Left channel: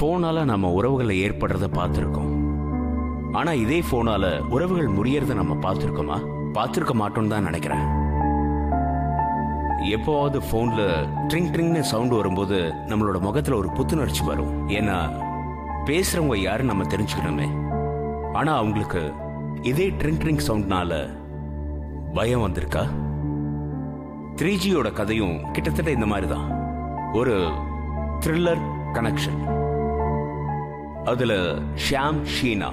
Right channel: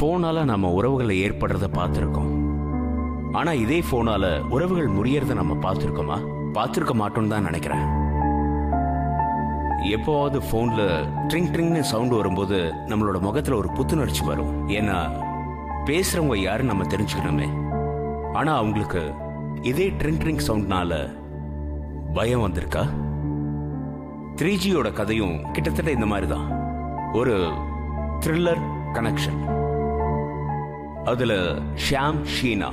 போனால நம்ம உறவுகளை ஏற்படுறத பார்த்துருக்கோம். ஆனா இதே போனால உறவுகள் முறியறத நம்ம பார்த்துருக்கோமா? பார்த்துருக்க மாட்டோம்னு தான் நினைக்கிறேன். எப்போவாவது போன்ல ட்ரிங் ட்ரிங்னு சவுண்ட் வரும்போது நம்மளோட முகத்துல ஒரு புத்துணர்ச்சி வரும். ஏன்னா பேசுறவங்க யாருன்னு நம்ம தெரிஞ்சுக்கணுமே. ஆனா அவங்களுக்கு இதே ட்ரிங் ட்ரிங் சவுண்ட்னால பயம் வந்திருக்கா? 3Gயோட கதையும் கிட்டத்தட்ட இந்த மாதிரி தான். ஒரு த்ரில்லர் கனெக்ஷன். அதுல ஷியாம் ஷீனா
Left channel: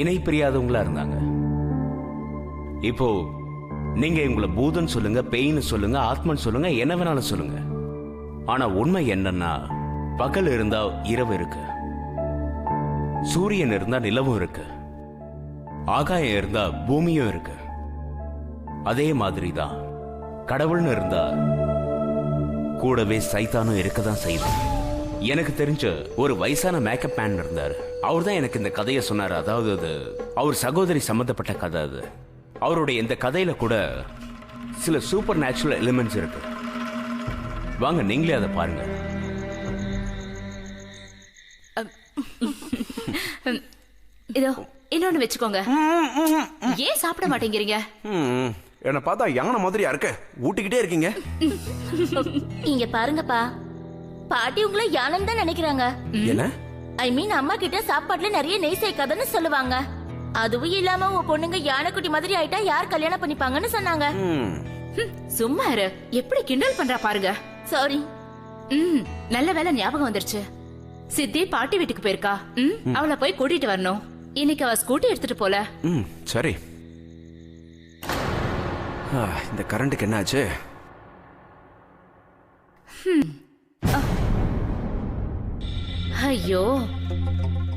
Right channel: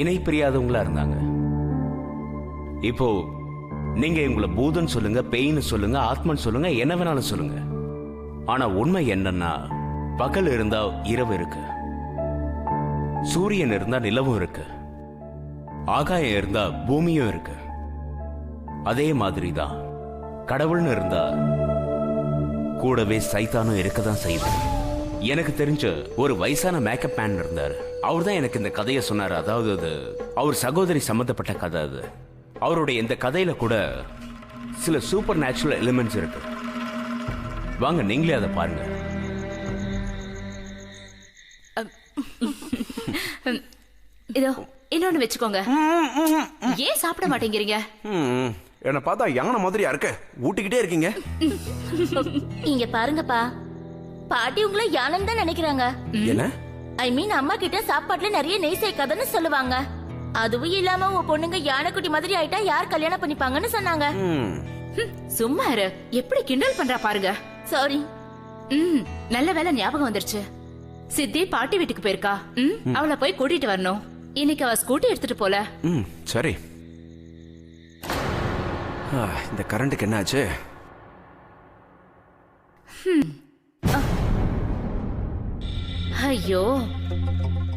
இணை பிரியாதவங்களா இருந்தாங்க. இப்போ நீங்க உங்களை பூதன் சொல்லுங்க, பேய்னு சொல்லுங்க, ஆத்மன் சொல்லுங்க, என்ன வேணாலும் சொல்லுங்க. ஆனா உண்மை என்னன்னா, பகல் இருந்தா இரவு இருக்கு, சூரியன் இருந்தா நிலவும் இருக்கு, ஆகாயம் இருந்தா பூமியும் இருக்கு. அதே மாதிரி தான் கடவுள்னு இருந்தா கூடவே சைத்தானும் இருக்கதான் செய்யுது. எனக்கு தெரிஞ்ச ஒரு வயசான மேக்கப் மேன் இருந்தாரு. அவர் தான் எனக்கு இந்த கதையை சொன்னார். அதாவது அது அவர் சகோதரி சம்பந்தப்பட்ட கதை. அது அவருடைய இந்த கதையில கூட சில சூப்பர் நேச்சுரல் எலிமெண்ட்ஸ் இருக்கு. வாங்க நீங்களே அதை பாருங்க. இதோ இன்னொன்னு வச்சுக்கோங்க. ஏன் சாப்பிட மாட்டேங்கிறீங்க? என்ன பார்த்தா யானை மாதிரியா இருக்க, ஊட்டிக்கிட்டே இருக்கீங்க. இங்க பாருங்கப்பா, பாட்டி உங்களை யானைன்னு தான் நினைக்கிறாங்க. என்ன? ஐ மீன் அம்மா கிட்ட சாப்பாட்டுல நிறைய நெய் சேர்க்காதன்னு சொல்லுவாங்க. அதுவும் இல்லாம உன் பொண்ணுங்க யானைக்குட்டி மாதிரி ஆயிட்டா யார் கல்யாணம் பண்ணிப்பாங்கன்னு சொன்னாங்க. சும்மா இரு, எப்படி கிண்டல் பண்றா பாருங்க. சாரி. நல்ல வேலை ஞாபகம் வந்துருச்சு. சித்தி பாட்டி வீட்டுக்கு போயிருக்கா. அவளை போய் கூட்டிட்டு வரணும். இன்னைக்கு அவ ஸ்கூட்டி எடுத்துட்டு போல. சரி. இந்த கரண்ட்டுக்கு என்னாச்சு? ஐயோ,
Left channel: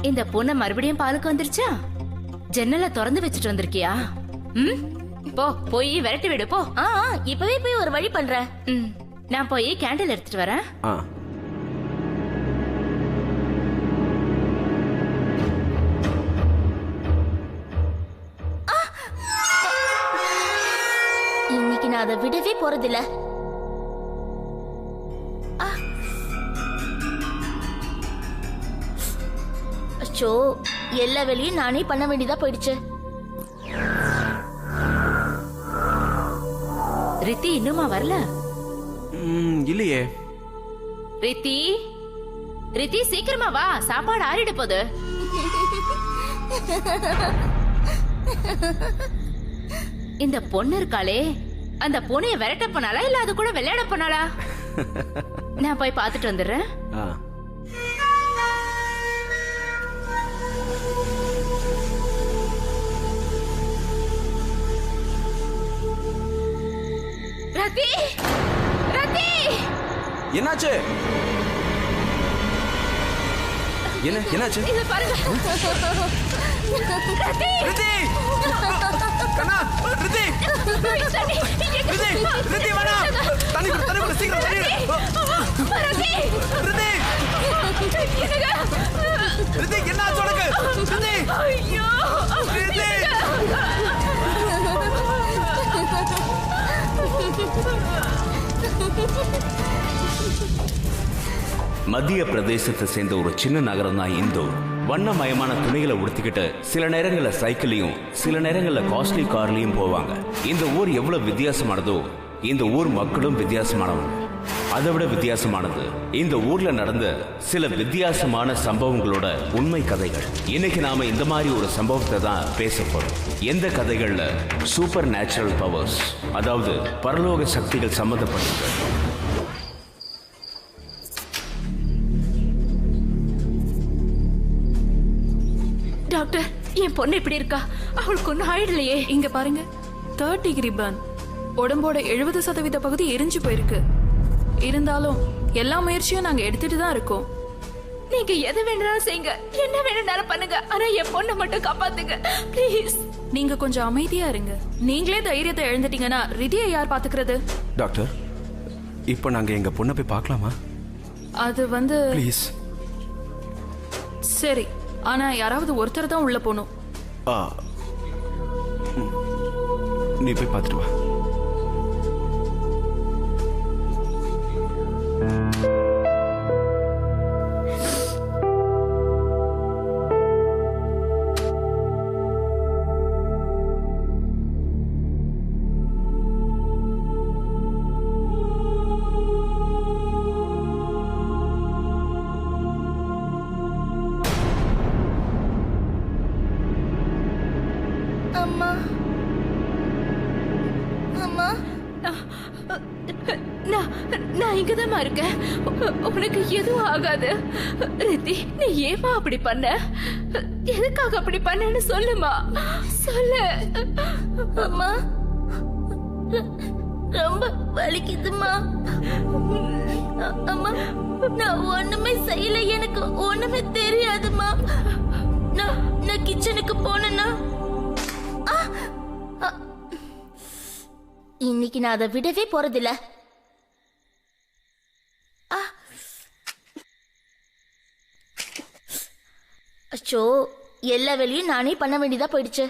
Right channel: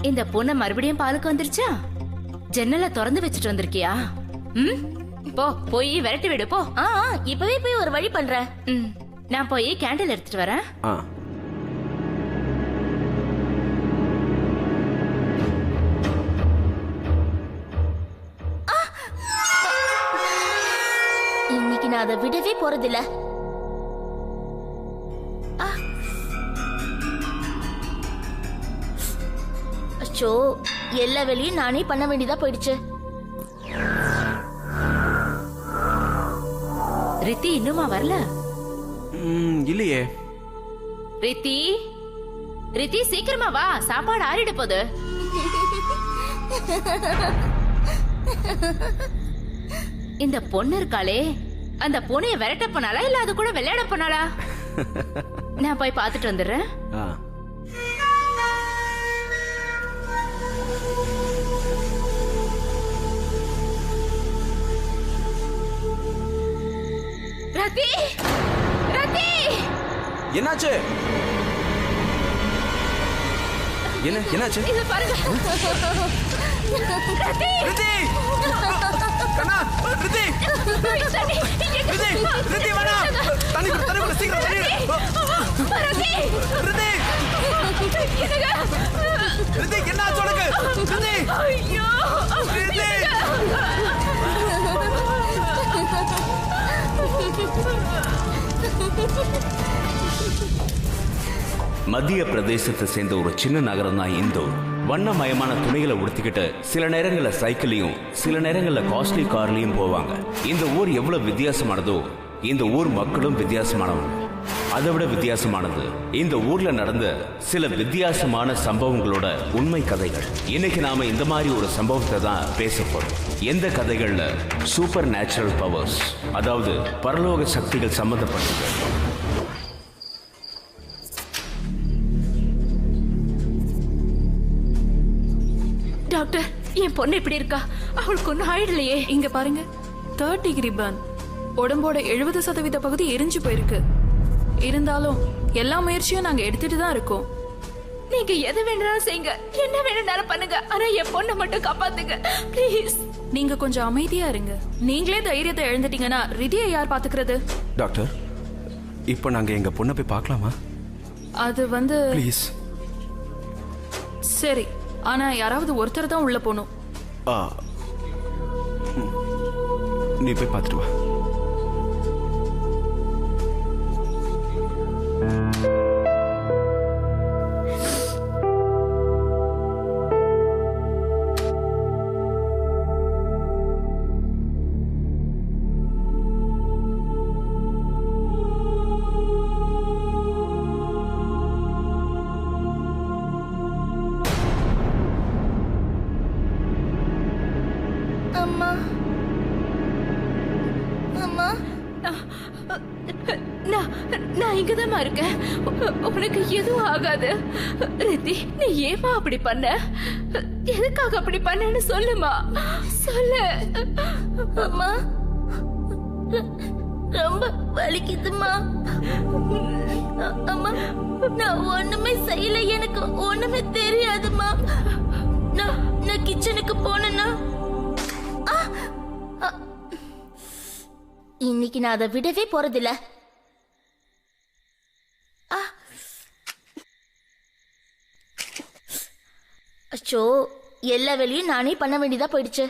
இந்த பொண்ணு மறுபடியும் பாலுக்கு வந்துருச்சா? ஜன்னலை திறந்து வச்சுட்டு வந்திருக்கியா? போ போய் விரட்டி விடு போ. இப்பவே போய் ஒரு வழி பண்றேன். நான் போய் கேண்டில் எடுத்துட்டு வரேன். இன்னைக்கு நான் அதை விடவே போறதில்ல. அச்சோ, எல்லா வேலையும் நானே பண்ண வேண்டியதா போயிடுச்சு. ரித்தி இன்னுமா வரல? இல்லையே. ரித்தி, ரித்தி சீக்கிரமா வா, சாப்பாடு ஆறிட போகுது. இந்த பொண்ணு இருக்காளே, அந்த பூனைய விரட்ட போனாலா இல்ல அது கூட விளையாட போனாலா? நான் போய் பாத்துட்டு வந்துடுறேன். ரத்தி, ரத்தி, என்னாச்சு? என்னாச்சு? இத பாருங்க. ரத்தி, ரித்தி, கண்ணா, ரித்தி, ரித்தி, ரித்தி வேணா, தண்ணி குடு, தண்ணி குடு, சீக்கிரம் தண்ணி குடு. ரத்தி, ரித்தி, என்னங்க? ரித்தி, என்னாச்சு உனக்கு? ரித்தி, ஐயோ, ரித்தி. மத்திய பிரதேசத்தை சேர்ந்த ஒரு சின்ன நகரம் தான் இந்தோர். வண்ணமயமான துணிகளை உடுத்திக்கிட்டு சில நேரங்கள்ல சைக்கிளையும் சில நேரங்கள்ல காஸ்ட்லி கார்லயும் போவாங்க. இந்த ஊர் எவ்வளவு வித்தியாசமானதோ இந்த ஊர் மக்களும் வித்தியாசமானவங்க. அதை விட வித்தியாசமானது இந்த ஊர்ல நடந்த சில வித்தியாசமான சம்பவங்களோட உண்மை கதைகள். இன்னைக்கு நாம இந்த மாதிரி ஒரு சம்பவத்தை தான் பேச போறோம். எந்த கதைகள்ல சூப்பர் நேச்சுரல் பவர்ஸ், அதாவது பரலோக சக்திகள் சம்பந்தப்பட்டிருக்கு. டாக்டர், என் பொண்ணு எப்படி இருக்கா? அவளுக்கு ஒன்னும் ஆயிடலையே. இங்க பாருங்க, 3rd டிகிரி பர்ன். உடம்போட 70% பகுதி எரிஞ்சு போயிருக்கு. இருந்தாலும் எல்லா முயற்சியும் நாங்க எடுத்துட்டு தான் இருக்கோம். நீங்க எது வேணாலும் செய்யுங்க, என்ன வேணும்னாலும் பண்ணுங்க. ஆனா என் பொண்ணை மட்டும் காப்பாத்துங்க ப்ளீஸ். நீங்க கொஞ்சம் அமைதியா இருங்க. நீங்களே தைரியத்தை இழந்துட்டீங்கன்னா ரிதியை யார் பாத்துக்கிறது? டாக்டர், இப்போ நாங்க எங்க பொண்ணை போய் பார்க்கலாமா? அது வந்து ப்ளீஸ். சரி, ஆனா யாராவது ஒருத்தர் தான் உள்ள போகணும். நீ போய் பார்த்துட்டு வா. நான் இங்கதாம்மா இருக்கேன். உனக்கு எதுவும் ஆகாது. ரித்தி, நீ ஏமா அப்படி பண்ண? எதுக்காக அப்படி பண்ணன்னு சொல்லுமா, சொல்லு. அம்மா ரொம்ப வலிக்குதுமா. அம்மா நான் ஒண்ணுமே செய்யல, எனக்கு ஒண்ணுமே தெரியாதுமா. நான் கிச்சனுக்கு போனேன்னா இன்னைக்கு நான் அதை விடவே போறதில்ல. அச்சோ, எல்லா வேலையும் நானே பண்ண வேண்டியதா போயிடுச்சு.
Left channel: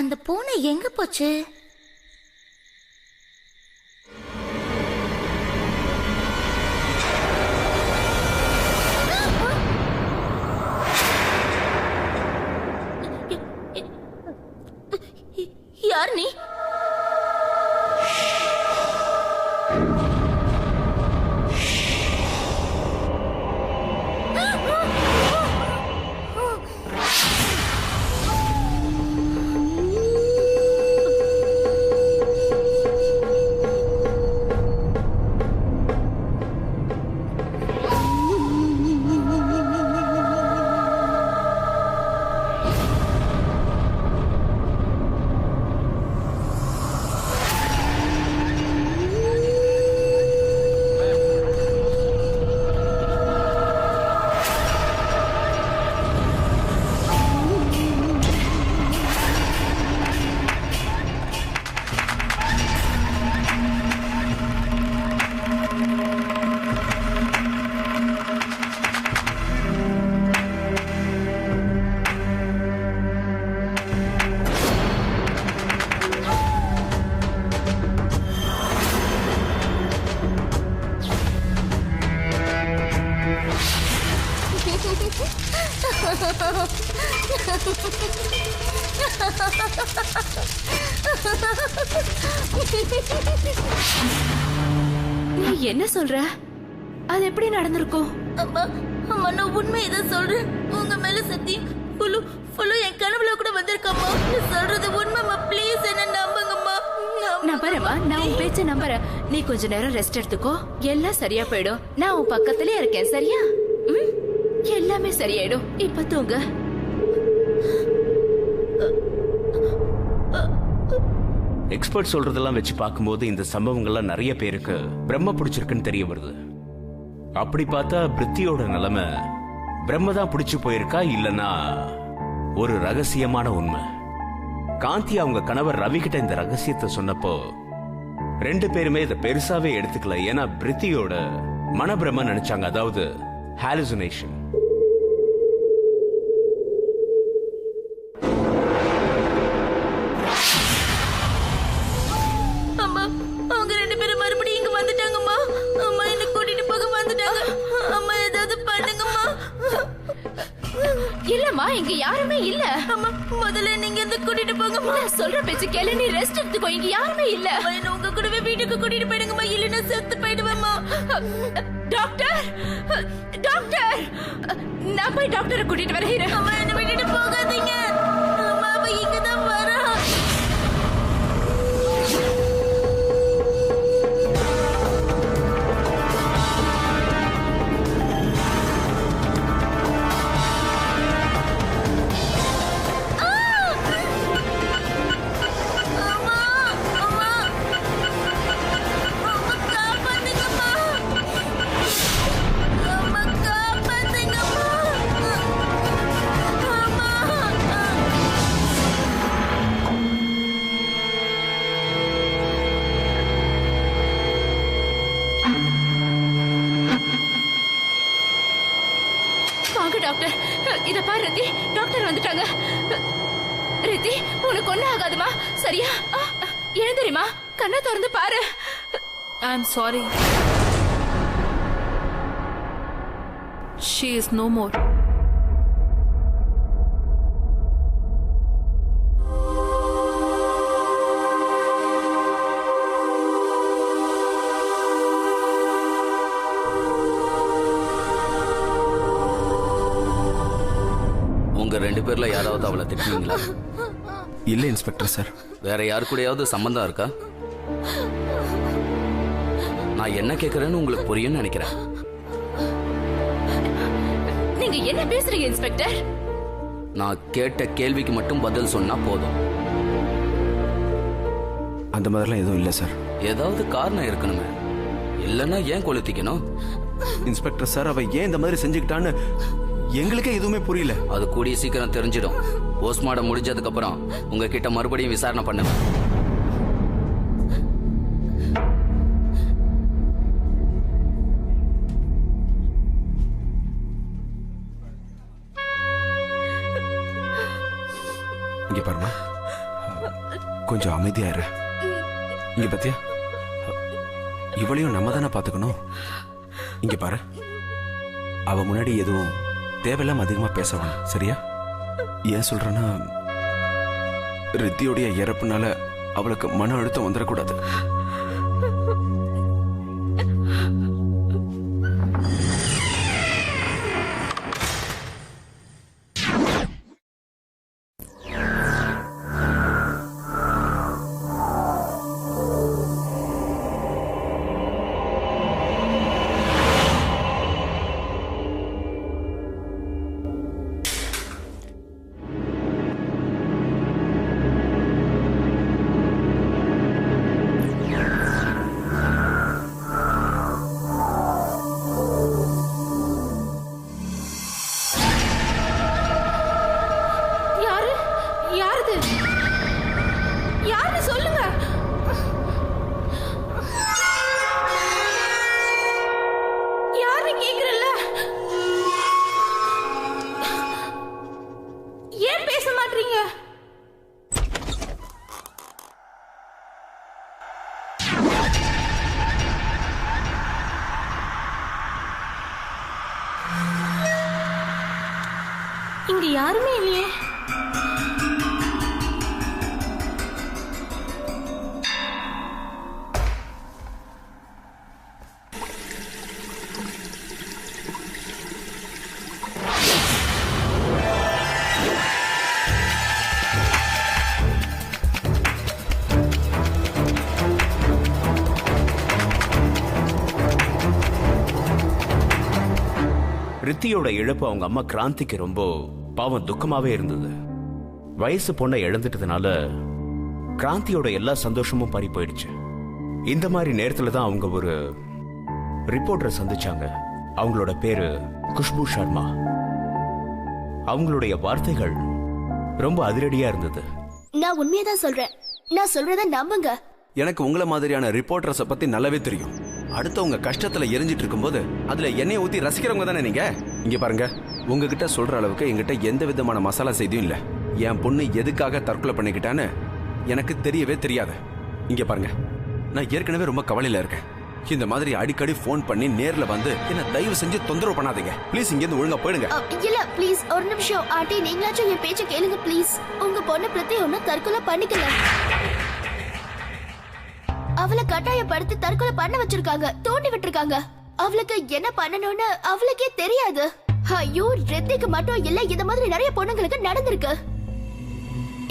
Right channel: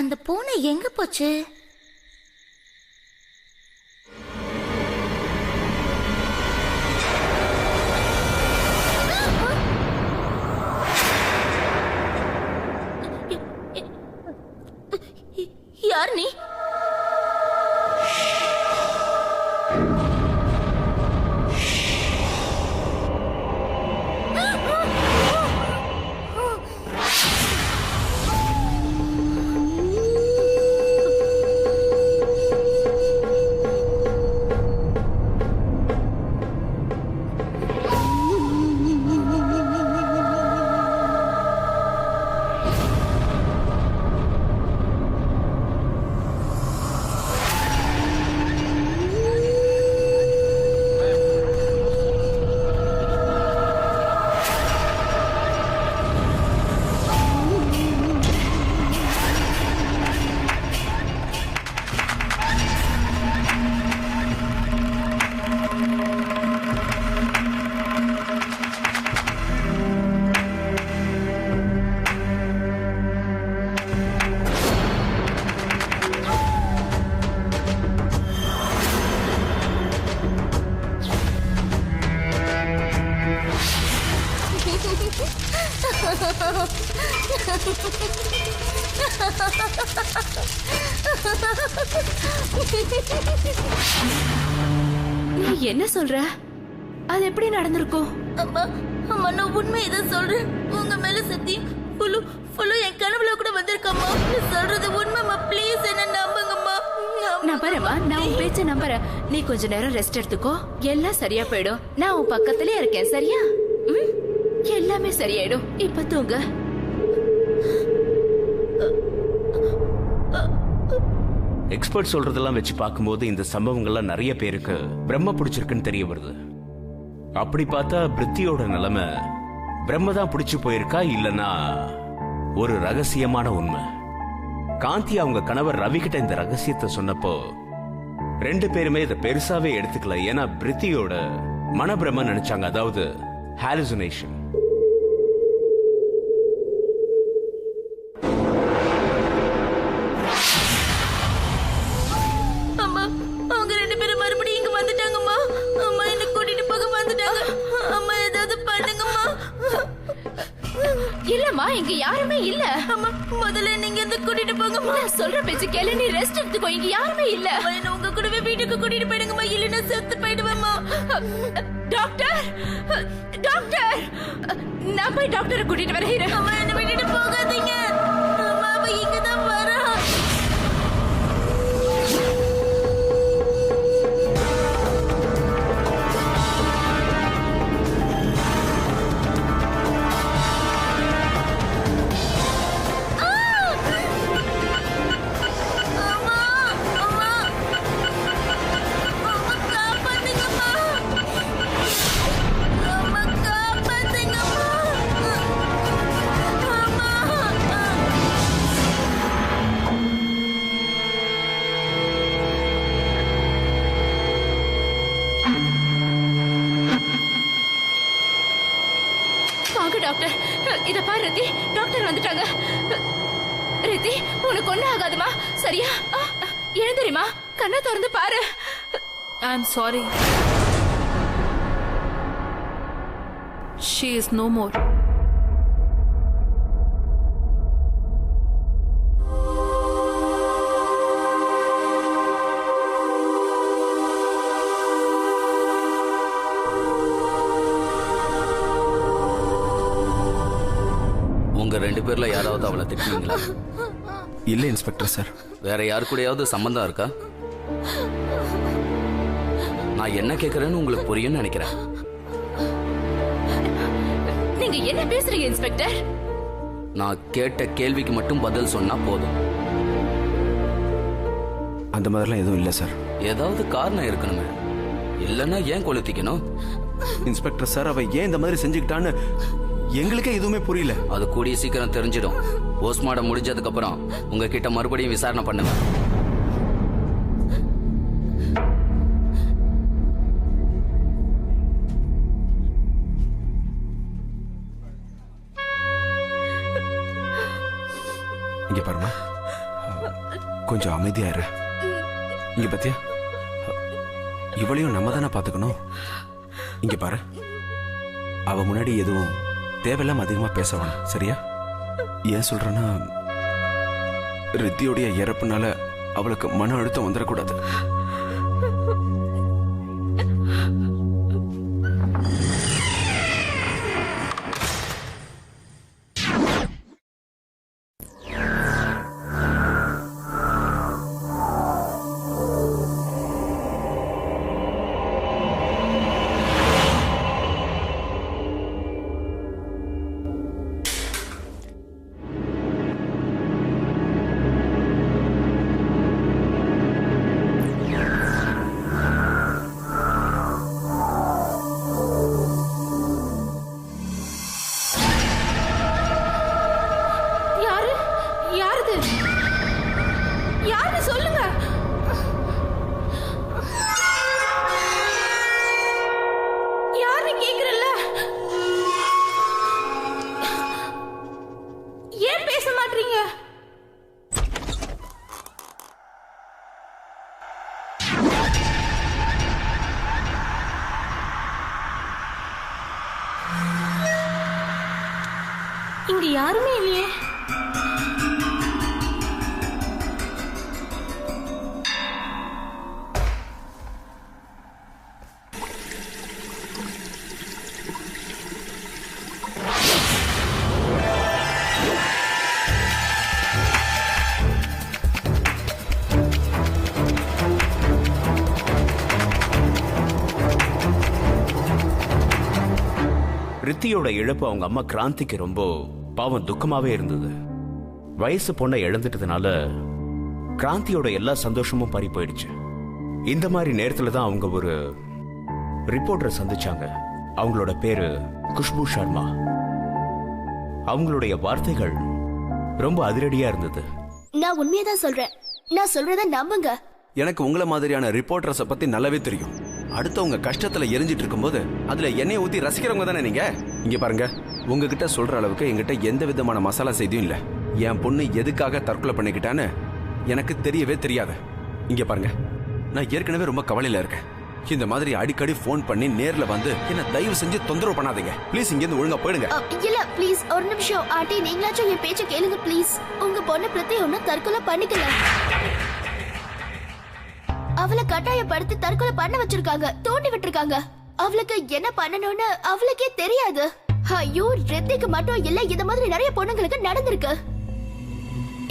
அந்த பூனை எங்க போச்சு? யார் நீ? நீ என்ன சொல்ற? அது எப்படி நடந்திருக்கும்? அம்மா அம்மா நான் உண்மையதான் சொல்றேன். உங்க மேல சத்தியம். என் கனவுல கூட வந்திருக்கம்மா. நீ சொல்றது உண்மைமா. ப்ளீஸ் என்ன நம்புங்கம்மா. நம்புறேம்மா, நான் உன் பேச்ச நம்புறேன். நீ கொஞ்ச நேரம் ரெஸ்ட் எடுத்துக்கோ, எல்லாம் சரியா போயிடும். நான் உன் பக்கத்திலே இருக்கேன், சரியா? எல்லாமே சரியாயிடும். இப்ப தூங்க. எக்ஸ்பர்ட் சொல்றதெல்லாம் வச்சு பார்க்கும்போது இந்த சம்பவங்கள்லாம் நிறைய பேருக்கு பிரம்ம பிடிச்சிருக்குன்னு தெரிய வருது. அப்படி பார்த்தா பிரித்தியோட நிலைமை பிரம்ம தான் பிடிச்சு போயிருக்கா, இல்லனா ஒரு ரகசியமான உண்மை. காந்தி அவங்க கணவர் ரவி கிட்ட இந்த ரகசியத்தை சொன்னப்போ ரெண்டு பேருமே இதை பெருசாவே எடுத்துக்கல. ஏன்னா பிரித்தியோட மனப்பிரம நினைச்சாங்க, அதாவது ஹாலுசினேஷன். அம்மா அவங்க ரெண்டு பேரும் மறுபடியும் இங்க வந்துட்டாங்கம்மா. அம்மா என்ன கூட்டிட்டு போக வந்துட்டாங்க. அம்மா ஏதாவது பண்ணுங்கம்மா. இல்லம்மா, இங்க யாருமே இல்ல. அம்மா முதல்ல நீங்க எந்த கூட்டிட்டு போங்கம்மா. நான் சொல்ற பேச்சு கேளு, நீ ரெஸ்ட் எடுத்துக்கோ. இங்க யாருமே இல்ல. என்ன உங்க கூடவே வீட்டுக்கு கூட்டிட்டு போயிடுங்கம்மா, இல்லைன்னா செத்து போயிடுவேம்மா. டாக்டர், டாக்டர், நான் போய் டாக்டரை கூட்டிட்டு வரேன். அம்மா என்ன விட்டுட்டு போகாதீங்க. அம்மா அவ இங்கதான் வரா. வாங்க டாக்டர். இத பாரு ரித்தி, டாக்டர் வந்துட்டாங்க. ரித்தி, உனக்கு ஒண்ணு ஆகாதுமா, சரியா? எழுந்திரிமா, கண்ணை திறந்து பாரு. I am sorry. She is no more. உங்க ரெண்டு பேர்ல யாராவது அவளை திட்டுவீங்களா? இல்ல இன்ஸ்பெக்டர் சார். வேற யாரு கூடயாவது சம்பந்தம் இருக்கா? நான் என்ன கேக்குறேன்னு உங்களுக்கு புரியும்னு நினைக்கிறேன். நீங்க என்ன பேசுறீங்க இன்ஸ்பெக்டர்? நான் கேட்ட கேள்விக்கு மட்டும் பதில் சொன்னா போதும். அந்த மாதிரிலாம் எதுவும் இல்ல சார். ஏதாவது காரணம் இருக்கணுமே, இல்லன்னா ஏன் கொளுத்திக்கணும்? இன்ஸ்பெக்டர் சார், அவ ஏன் இந்த மாதிரி செஞ்சுக்கிட்டான்னு எங்களுக்கே எதுவுமே புரியல. அது கூடிய சீக்கிரம் தெரிஞ்சிடும். போஸ்ட்மார்டம் முடிஞ்சதுக்கு அப்புறம் உங்ககிட்ட மறுபடியும் விசாரணை பண்ணுவேன். இங்க பாருமா, கொஞ்சம் அமைதியா இரு. இங்க பாத்தியா, இவளையும் நம்ம தானே பாத்துக்கணும். இங்க பாரு, அவ முன்னாடி எதுவும் தேவையில்லாம அதிகமா பேச வேணாம், சரியா? ஏன் சொல்றேன்னா, ரித்தியோடைய இறப்புனால அவளுக்கு மன அழுத்தம் வந்துடக்கூடாது. யாரு சொல்லுங்க. யாரு கேக்குறல்ல? ஏன் பேச மாட்டீங்க? இங்க யாருமே இல்லையே. ரித்தியோட இழப்பு அவங்க அம்மா கிராந்திக்கு ரொம்ப பாவம் துக்கமாவே இருந்தது. வயசு பொண்ணை இழந்துட்டதுனால கிராந்தியோட எல்லா சந்தோஷமும் பறி போயிடுச்சு. இந்த மாதிரி நேரத்துல தான் அவங்க ஒரு ரிப்போர்ட்டரை சந்திச்சாங்க. அவங்களோட பேரு குஷ்பு சர்மா. அவங்களுடைய வார்த்தைகள் ரொம்ப அதிரடியா இருந்தது. நான் உண்மையதான் சொல்றேன், நான் சொல்றத நம்புங்க. எனக்கு உங்களை மாதிரியான ரிப்போர்ட்டர்ஸ பத்தி நல்லாவே தெரியும். அடுத்தவங்க கஷ்டத்துல எரிஞ்சிட்டு இருக்கும்போது அதுல எண்ணெய் ஊத்தி ரசிக்கிறவங்க தானே நீங்க. இங்க பாருங்க, உங்ககிட்ட சொல்ற அளவுக்கு என்கிட்ட எந்த விதமான மசாலா செய்தியும் இல்ல. என் பொண்ணு எதுக்காக தற்கொலை பண்ணிக்கிட்டான்னு எனக்கு தெரியவே தெரியாது. இங்க பாருங்க, நான் ஏற்கனவே ரொம்ப கவலையில இருக்கேன். இந்த மாதிரி அடிக்கடி போன் பண்ணி நேர்ல வந்து என்ன தயவு செஞ்சு தொந்தரவு பண்ணாதீங்க ப்ளீஸ். இங்க இருந்து ஒழுங்கா போயிடுங்க. இல்ல ப்ளீஸ் ஒரு நிமிஷம் ஆண்டி, நீங்களாச்சும் என் பேச்ச கேளுங்க ப்ளீஸ். உங்க பொண்ணு பிரதி ஒன்னும் தற்கொலை பண்ணிக்கல. அவளை கட்டாயப்படுத்தி தற்கொலை பண்ண வச்சிருக்காங்க, தூண்டி விட்டுருக்காங்க. அவளுக்கு என்ன பண்ணணும்னு அவளுக்கே தெரியாது. ஐயோ, ரித்திக்கு மட்டும் இல்ல, இந்த மாதிரி நிறைய பொண்ணுங்களுக்கு நடந்திருக்கு.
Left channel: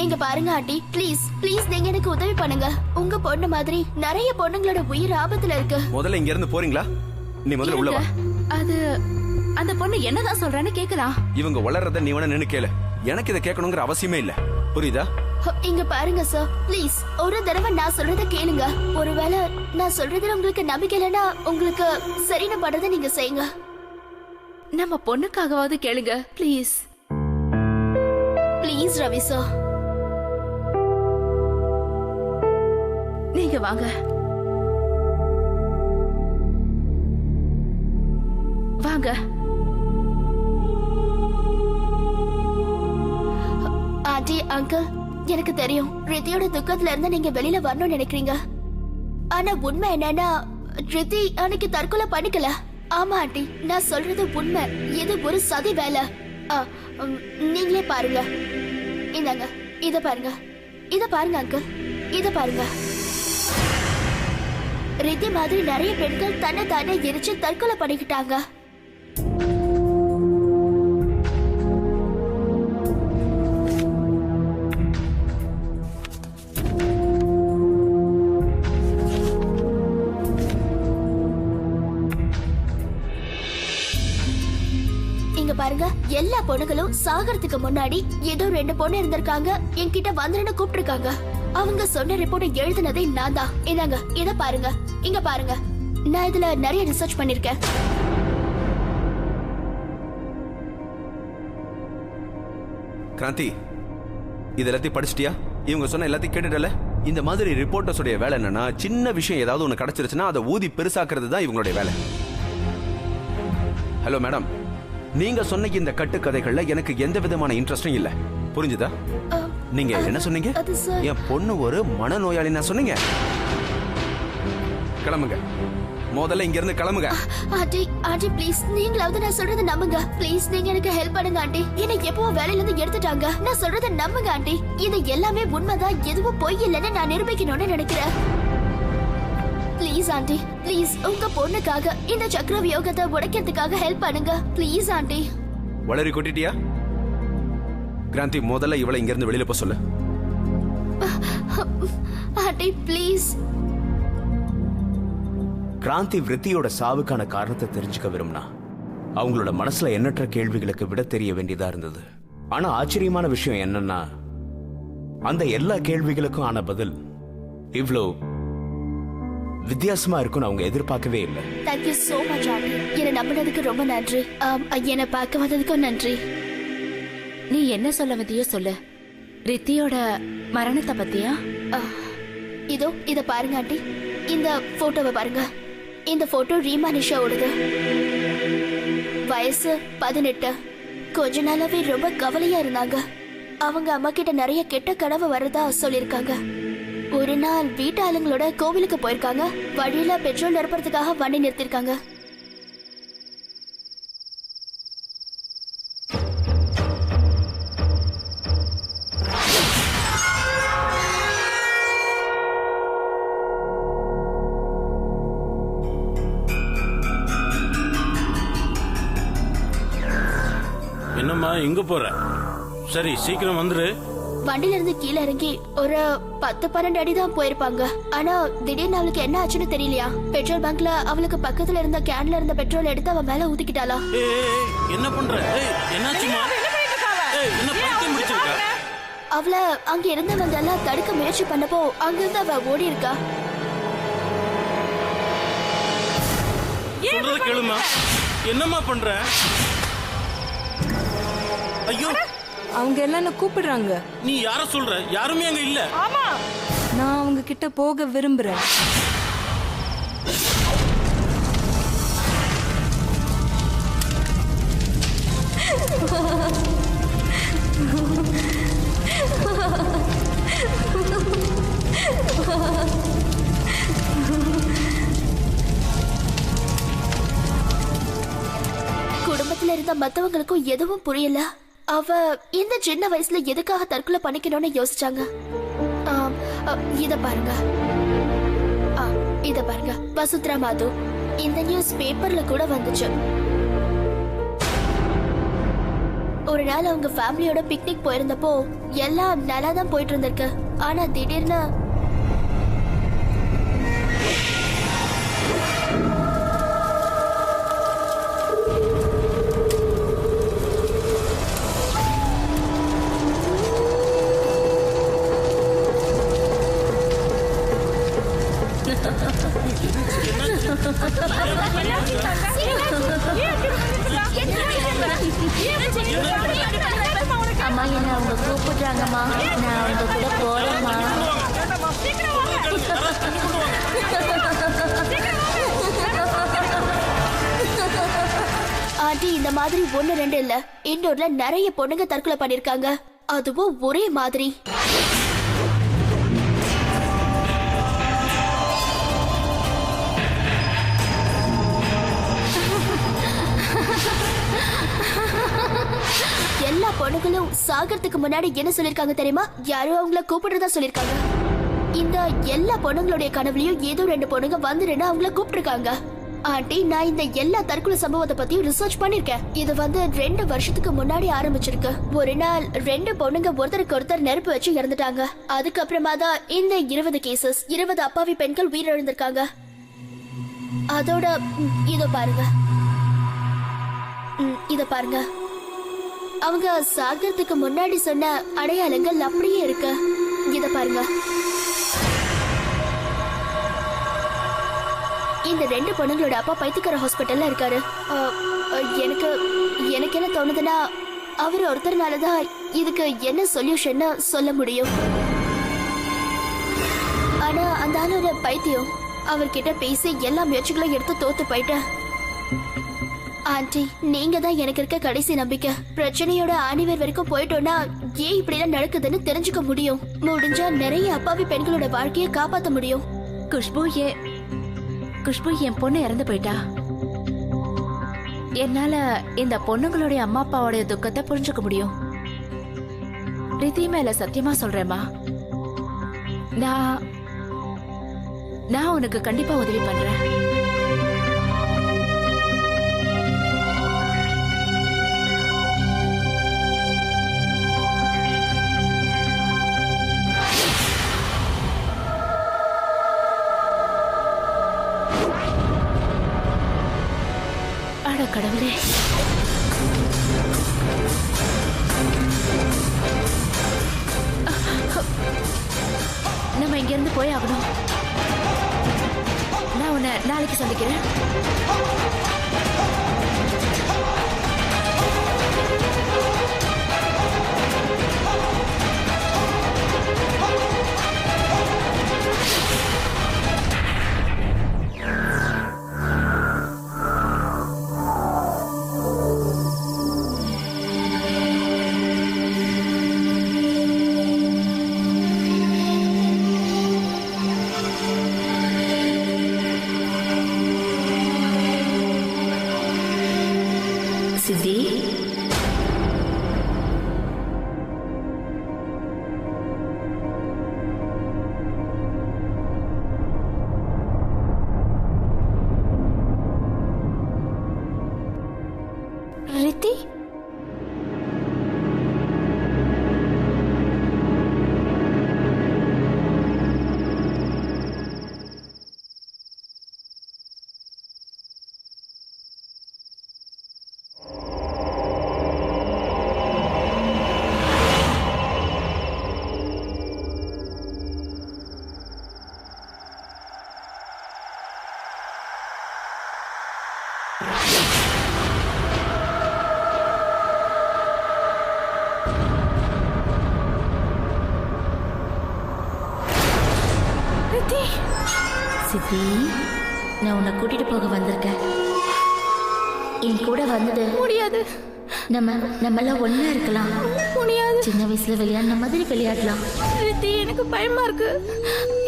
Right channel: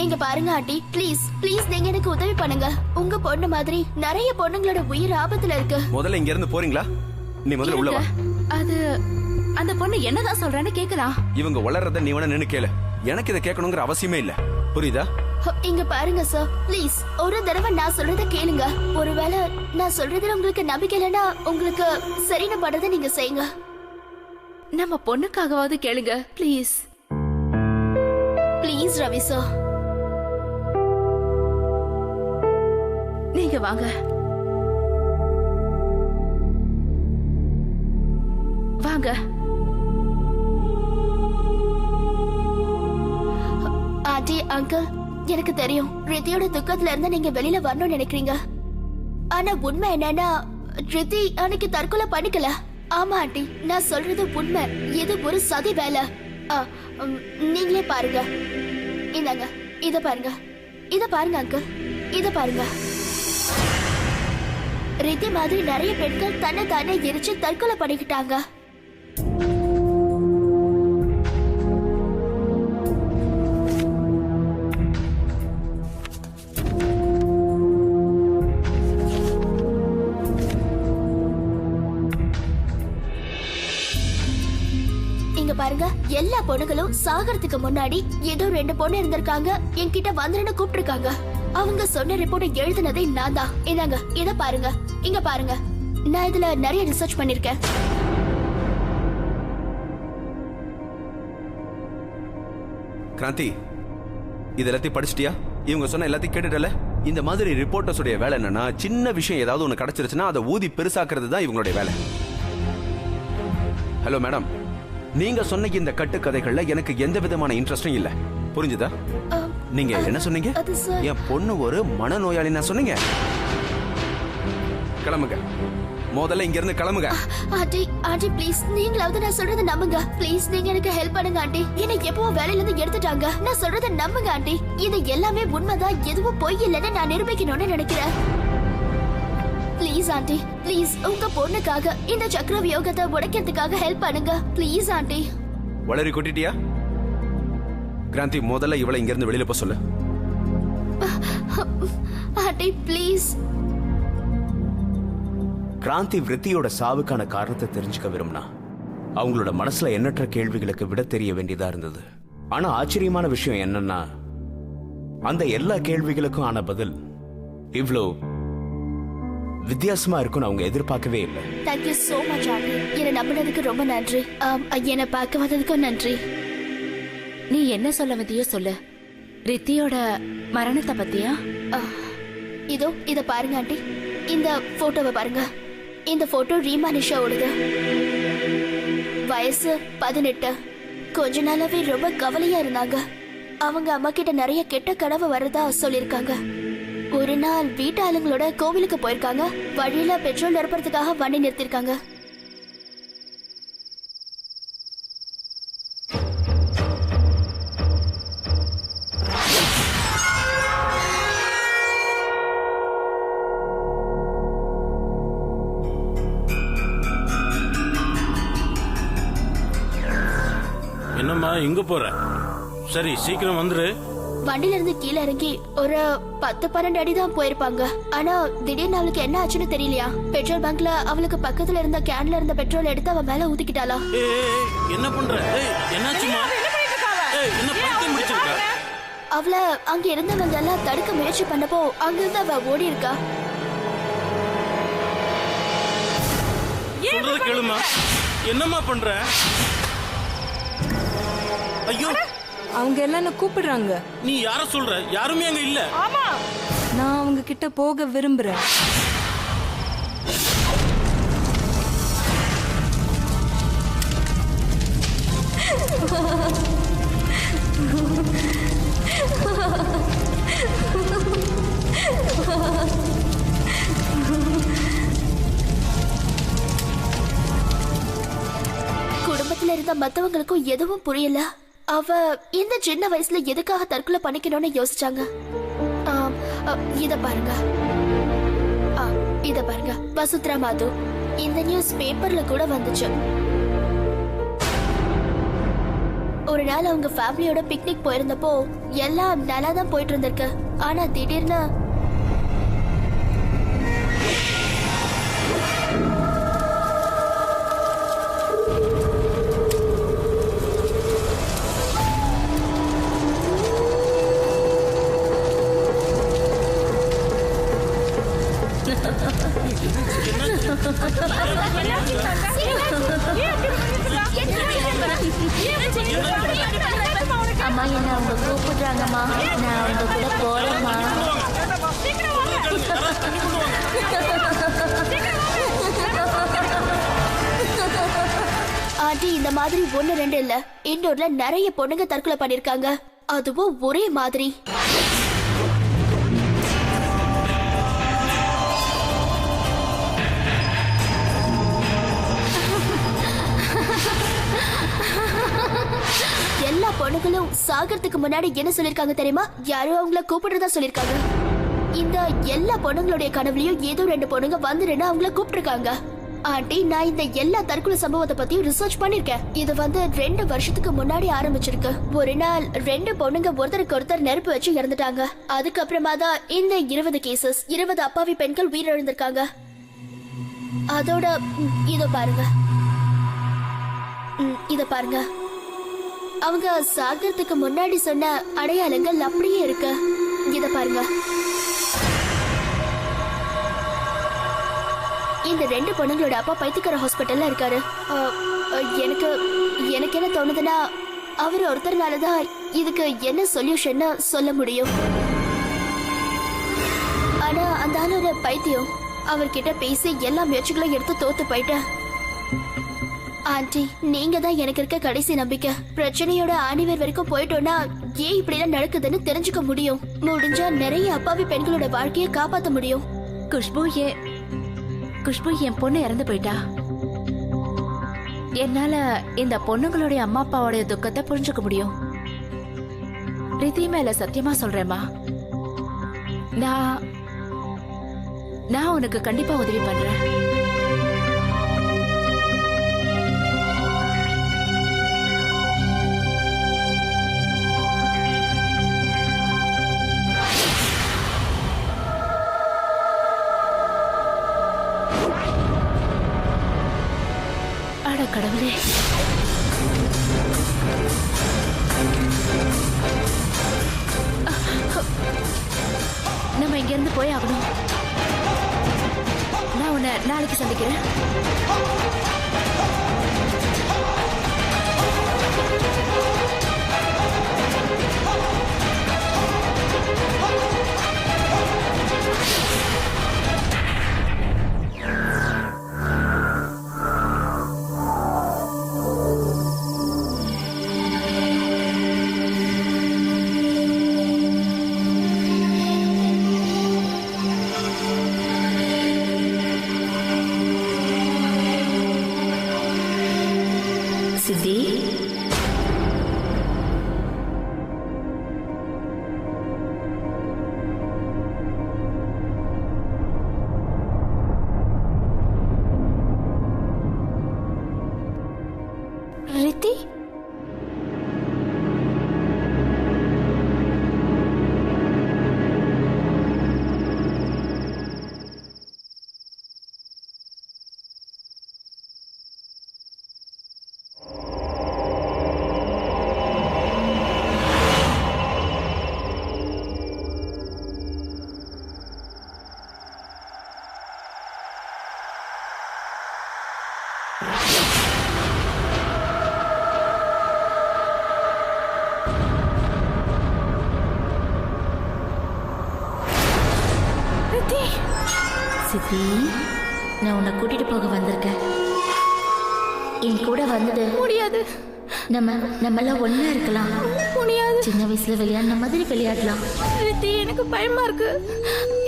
இங்க பாருங்க ஆண்டி, ப்ளீஸ் ப்ளீஸ் நீங்க எனக்கு உதவி பண்ணுங்க. உங்க பொண்ணு மாதிரி நிறைய பொண்ணுங்களோட உயிர் ஆபத்துல இருக்கு. முதல்ல இங்க இருந்து போறீங்களா? நீ முதல்ல உள்ள வா. அது அந்த பொண்ணு என்னதான் சொல்றான்னு கேக்கலாம். இவங்க வளர்றத நீ வேணா நின்னு கேளு. எனக்கு இதை கேட்கணுங்கிற அவசியமே இல்ல, புரியுதா? இங்க பாருங்க சார், ப்ளீஸ் ஒரு தடவை நான் சொல்றத கேளுங்க. ஒருவேளை நான் சொல்றதுல உங்களுக்கு நம்பிக்கை இல்லைன்னா உங்களுக்கு சரின்னு படுறத நீங்க செய்யுங்க. நம்ம பொண்ணுக்காகவாவது கேளுங்க ப்ளீஸ். Please Ravi sir. நீங்க வாங்க வாங்க. ஆண்டி, அங்கிள், எனக்கு தெரியும் ரித்தியோட துக்கத்துல இருந்து நீங்க வெளியில வரணும்னு நினைக்கிறீங்க. ஆனா உண்மை என்னன்னா, ரித்தி அன்னைக்கு தற்கொலை பண்ணிக்கல. ஆமா ஆண்டி, நான் சொல்றது உண்மை. இது ஒரு சதி வேலை. நீங்களே பாருங்க. இந்தாங்க, இத பாருங்க, இத பாருங்க அங்கிள், இத பாருங்க. ரித்தி மாதிரி நிறைய பெண்கள் தன்னை தானே எரிச்சு தற்கொலை பண்ணிக்கிட்டாங்க. பாருங்க, எல்லா பொண்ணுங்களும் சாகறதுக்கு முன்னாடி ஏதோ 2 பொண்ணு இருந்திருக்காங்க, என்கிட்ட வந்துருன்னு கூப்பிட்டுருக்காங்க. அவங்க சொன்ன ரிப்போர்ட் எழுதினதே நான் தான். இதாங்க, இத பாருங்க, இங்க பாருங்க. நான் இதுல நிறைய ரிசர்ச் பண்ணிருக்கேன். கிராந்தி, இது எல்லாத்தையும் படிச்சிட்டியா? இவங்க சொன்ன எல்லாத்தையும் கேட்டுட்டல? இந்த மாதிரி ரிப்போர்ட்டர்ஸ் உடைய வேலை என்னன்னா, சின்ன விஷயம் ஏதாவது ஒண்ணு கிடைச்சிருச்சுன்னா அதை ஊதி பெருசாக்குறது தான் இவங்களுடைய வேலை. ஹலோ மேடம், நீங்க சொன்ன இந்த கட்டுக்கதைகள்ல எனக்கு எந்த விதமான இன்ட்ரெஸ்டும் இல்ல. புரிஞ்சுதா? நீங்க என்ன சொன்னீங்க? என் பொண்ணு ஒரு மனநோயாளி நான் சொன்னீங்க. கிளம்புங்க, முதல்ல இங்க இருந்து கிளம்புங்க. ஆண்டி, ஆண்டி ப்ளீஸ், நீங்களாவது நான் சொல்றத நம்புங்க. ப்ளீஸ் நீங்க எனக்கு ஹெல்ப் பண்ணுங்க ஆண்டி. என்னை எப்பவோ வேலையில இருந்து எடுத்துட்டாங்க. நான் சொல்றத நம்புங்க ஆண்டி. இது எல்லாமே உண்மைதான், எதுவும் பொய் இல்லைன்னு நான் நிரூபிக்கணும்னு நினைக்கிறேன். ப்ளீஸ் ஆண்டி, ப்ளீஸ் உங்க பொண்ணுக்காக இந்த சக்கர வியோகத்தை உடைக்கிறதுக்காக ஹெல்ப் பண்ணுங்க. Please aunty. வளரி கொட்டிட்டியா? கிராந்தி, முதல்ல இவளை இங்க இருந்து வெளியில போக சொல்லு. Aunty please. கிராந்தி விருத்தியோட சாவுக்கான காரணத்தை தெரிஞ்சுக்க விரும்பினா அவங்களோட மனசுல எண்ணற்ற கேள்விகளுக்கு விட தெரிய வேண்டியதா இருந்தது. ஆனா ஆச்சரியமான விஷயம் என்னன்னா, அந்த எல்லா கேள்விகளுக்கும் ஆன பதில் இவ்ளோ வித்தியாசமா இருக்கும்னு அவங்க எதிர்பார்க்கவே இல்லை. Thank you so much aunty. என்னை நம்பினதுக்கு ரொம்ப நன்றி. என்னை பார்க்க வந்ததுக்கும் நன்றி. நீ என்ன சொல்ல வந்தியோ சொல்லு. ரித்தியோட மரணத்தை பத்தியா? இதோ இத பாருங்க ஆண்டி, இந்த போட்டோவை பாருங்க. இந்த போட்டோ ரீமா நிஷாவோடது. வயசு 18. கொஞ்ச நாளாவே ரொம்ப கவலையா இருந்தாங்க. அவங்க அம்மா கிட்ட நிறைய கெட்ட கனவு வரதா சொல்லிருக்காங்க. ஒரு நாள் வீட்டு ஆளுங்களோட கோவிலுக்கு போயிருக்காங்க. வழியில பெட்ரோல் நிரப்புறதுக்காக வண்டி நிறுத்திருக்காங்க. என்னம்மா இங்க போற? சரி சீக்கிரம் வந்துரு. வண்டில இருந்து கீழே இறங்கி ஒரு 10-12 அடி தான் போயிருப்பாங்க. ஆனா திடீர்னு அவளுக்கு என்ன ஆச்சுன்னு தெரியலையா. பெட்ரோல் பங்க்ல அவளுக்கு பக்கத்துல இருந்த கேன்ல இருந்த பெட்ரோல் எடுத்து அவ மேல ஊத்திக்கிட்டாளா. என்ன பண்ற? என்னாச்சுமா? என்ன பைத்தியம் பிடிச்சிருக்கா? அவள அங்க இருந்தவங்க எல்லாம் தடுக்க முயற்சி பண்ணப்போ அங்கிருந்து அவ ஓடி இருக்கா. சொல்றது கேளுமா. என்னம்மா பண்ற? ஐயோ, அவங்க எல்லாம் கூப்பிடுறாங்க. நீ யார சொல்ற? யாருமே அங்க இல்ல. ஆமா, நான் அவங்க கிட்ட போக விரும்புறேன். குடும்பத்துல இருந்த மத்தவங்களுக்கும் எதுவும் புரியல. அவ இந்த சின்ன வயசுல எதுக்காக தற்கொலை பண்ணிக்கணும்னு யோசிச்சாங்க. இத பாருங்க, இத பாருங்க. வசுத்ரா மாது, இந்த நியூஸ் பேப்பர்ல கூட வந்துச்சு. ஒரு நாள் அவங்க ஃபேமிலியோட பிக்னிக் போயிருந்தப்போ எல்லாம் நல்லா தான் போயிட்டு இருந்திருக்கு. ஆனா திடீர்னு அம்மா, என்ன அவங்க கூப்பிடுறாங்கம்மா. நான் அவங்க கூட போறேம்மா. ஆண்டி, இந்த மாதிரி 1-2 இல்ல, இண்டோர்ல நிறைய பொண்ணுங்க தற்கொலை பண்ணிருக்காங்க. அதுவும் ஒரே மாதிரி. எல்லா பொண்ணுங்களும் சாகறதுக்கு முன்னாடி என்ன சொல்லிருக்காங்க தெரியுமா? யாரோ அவங்கள கூப்பிடுறதா சொல்லிருக்காங்க. இந்த எல்லா பொண்ணுங்களுடைய கனவுலயும் ஏதோ 2 பொண்ணுங்க வந்துருன்னு அவங்கள கூப்பிட்டுருக்காங்க. ஆண்டி, நான் இந்த எல்லா தற்கொலை சம்பவத்தை பத்தியும் ரிசர்ச் பண்ணிருக்கேன். இது 2 வருஷத்துக்கு முன்னாடி ஆரம்பிச்சிருக்கு. ஒரு நாள் 2 பொண்ணுங்க ஒருத்தருக்கு ஒருத்தர் நெருப்பு வச்சு இறந்துட்டாங்க. அதுக்கப்புறமா தான் இந்த 20 கேசஸ், 20 அப்பாவி பெண்கள் உயிரிழந்திருக்காங்க. அதோட இதோ பாருங்க, இத பாருங்க. அவங்க சாகிறதுக்கு முன்னாடி சொன்ன அடையாளங்கள் அப்படியே இருக்கு. இத பாருங்க. இந்த 2 பொண்ணுங்களோட அப்பா பைத்தியக்கார ஹாஸ்பிட்டல்ல இருக்காரு. எனக்கு என்ன தோணுதுன்னா அவர் ஒருத்தர்னாலதான் இதுக்கு என்ன சொல்யூஷன் சொல்ல முடியும். ஆனா அந்த ஆளோட பைத்தியம். அவர்கிட்ட பேசி எல்லா முயற்சிகளும் எடுத்து தோத்து போயிட்டேன். ஆண்டி, நீங்க தான் எனக்கு இருக்க கடைசி நம்பிக்கை. பிரச்சனையோட ஆணிவேர் வரைக்கும் போயிட்டோம்னா ஏன் இப்படி எல்லாம் நடக்குதுன்னு தெரிஞ்சுக்க முடியும். முடிஞ்சா நிறைய அப்பாவி பெண்களோட வாழ்க்கையை காப்பாத்த முடியும். குஷ்பு என் பொண்ணு இறந்து போயிட்டா. என்னால இந்த பொண்ணுங்களுடைய அம்மா அப்பாவோட துக்கத்தை புரிஞ்சுக்க முடியும். ரிதி மேல சத்தியமா சொல்றேம்மா, நான் உனக்கு கண்டிப்பா உதவி பண்றேன். அட கடவுளே, நம்ம இங்க இருந்து போய் ஆகணும். நான் உன்னை நாளைக்கு சந்திக்கிறேன். சித்தி, ரித்தி, சித்தி, நான் உன்னை கூட்டிட்டு போக வந்திருக்கேன். என் கூட வந்துடு. முடியாது. நம்மெல்லாம் ஒண்ணா இருக்கலாம். முடியாது. சின்ன வயசுல விளையாடின மாதிரி விளையாடலாம். ரித்தி, எனக்கு பயமா இருக்கு.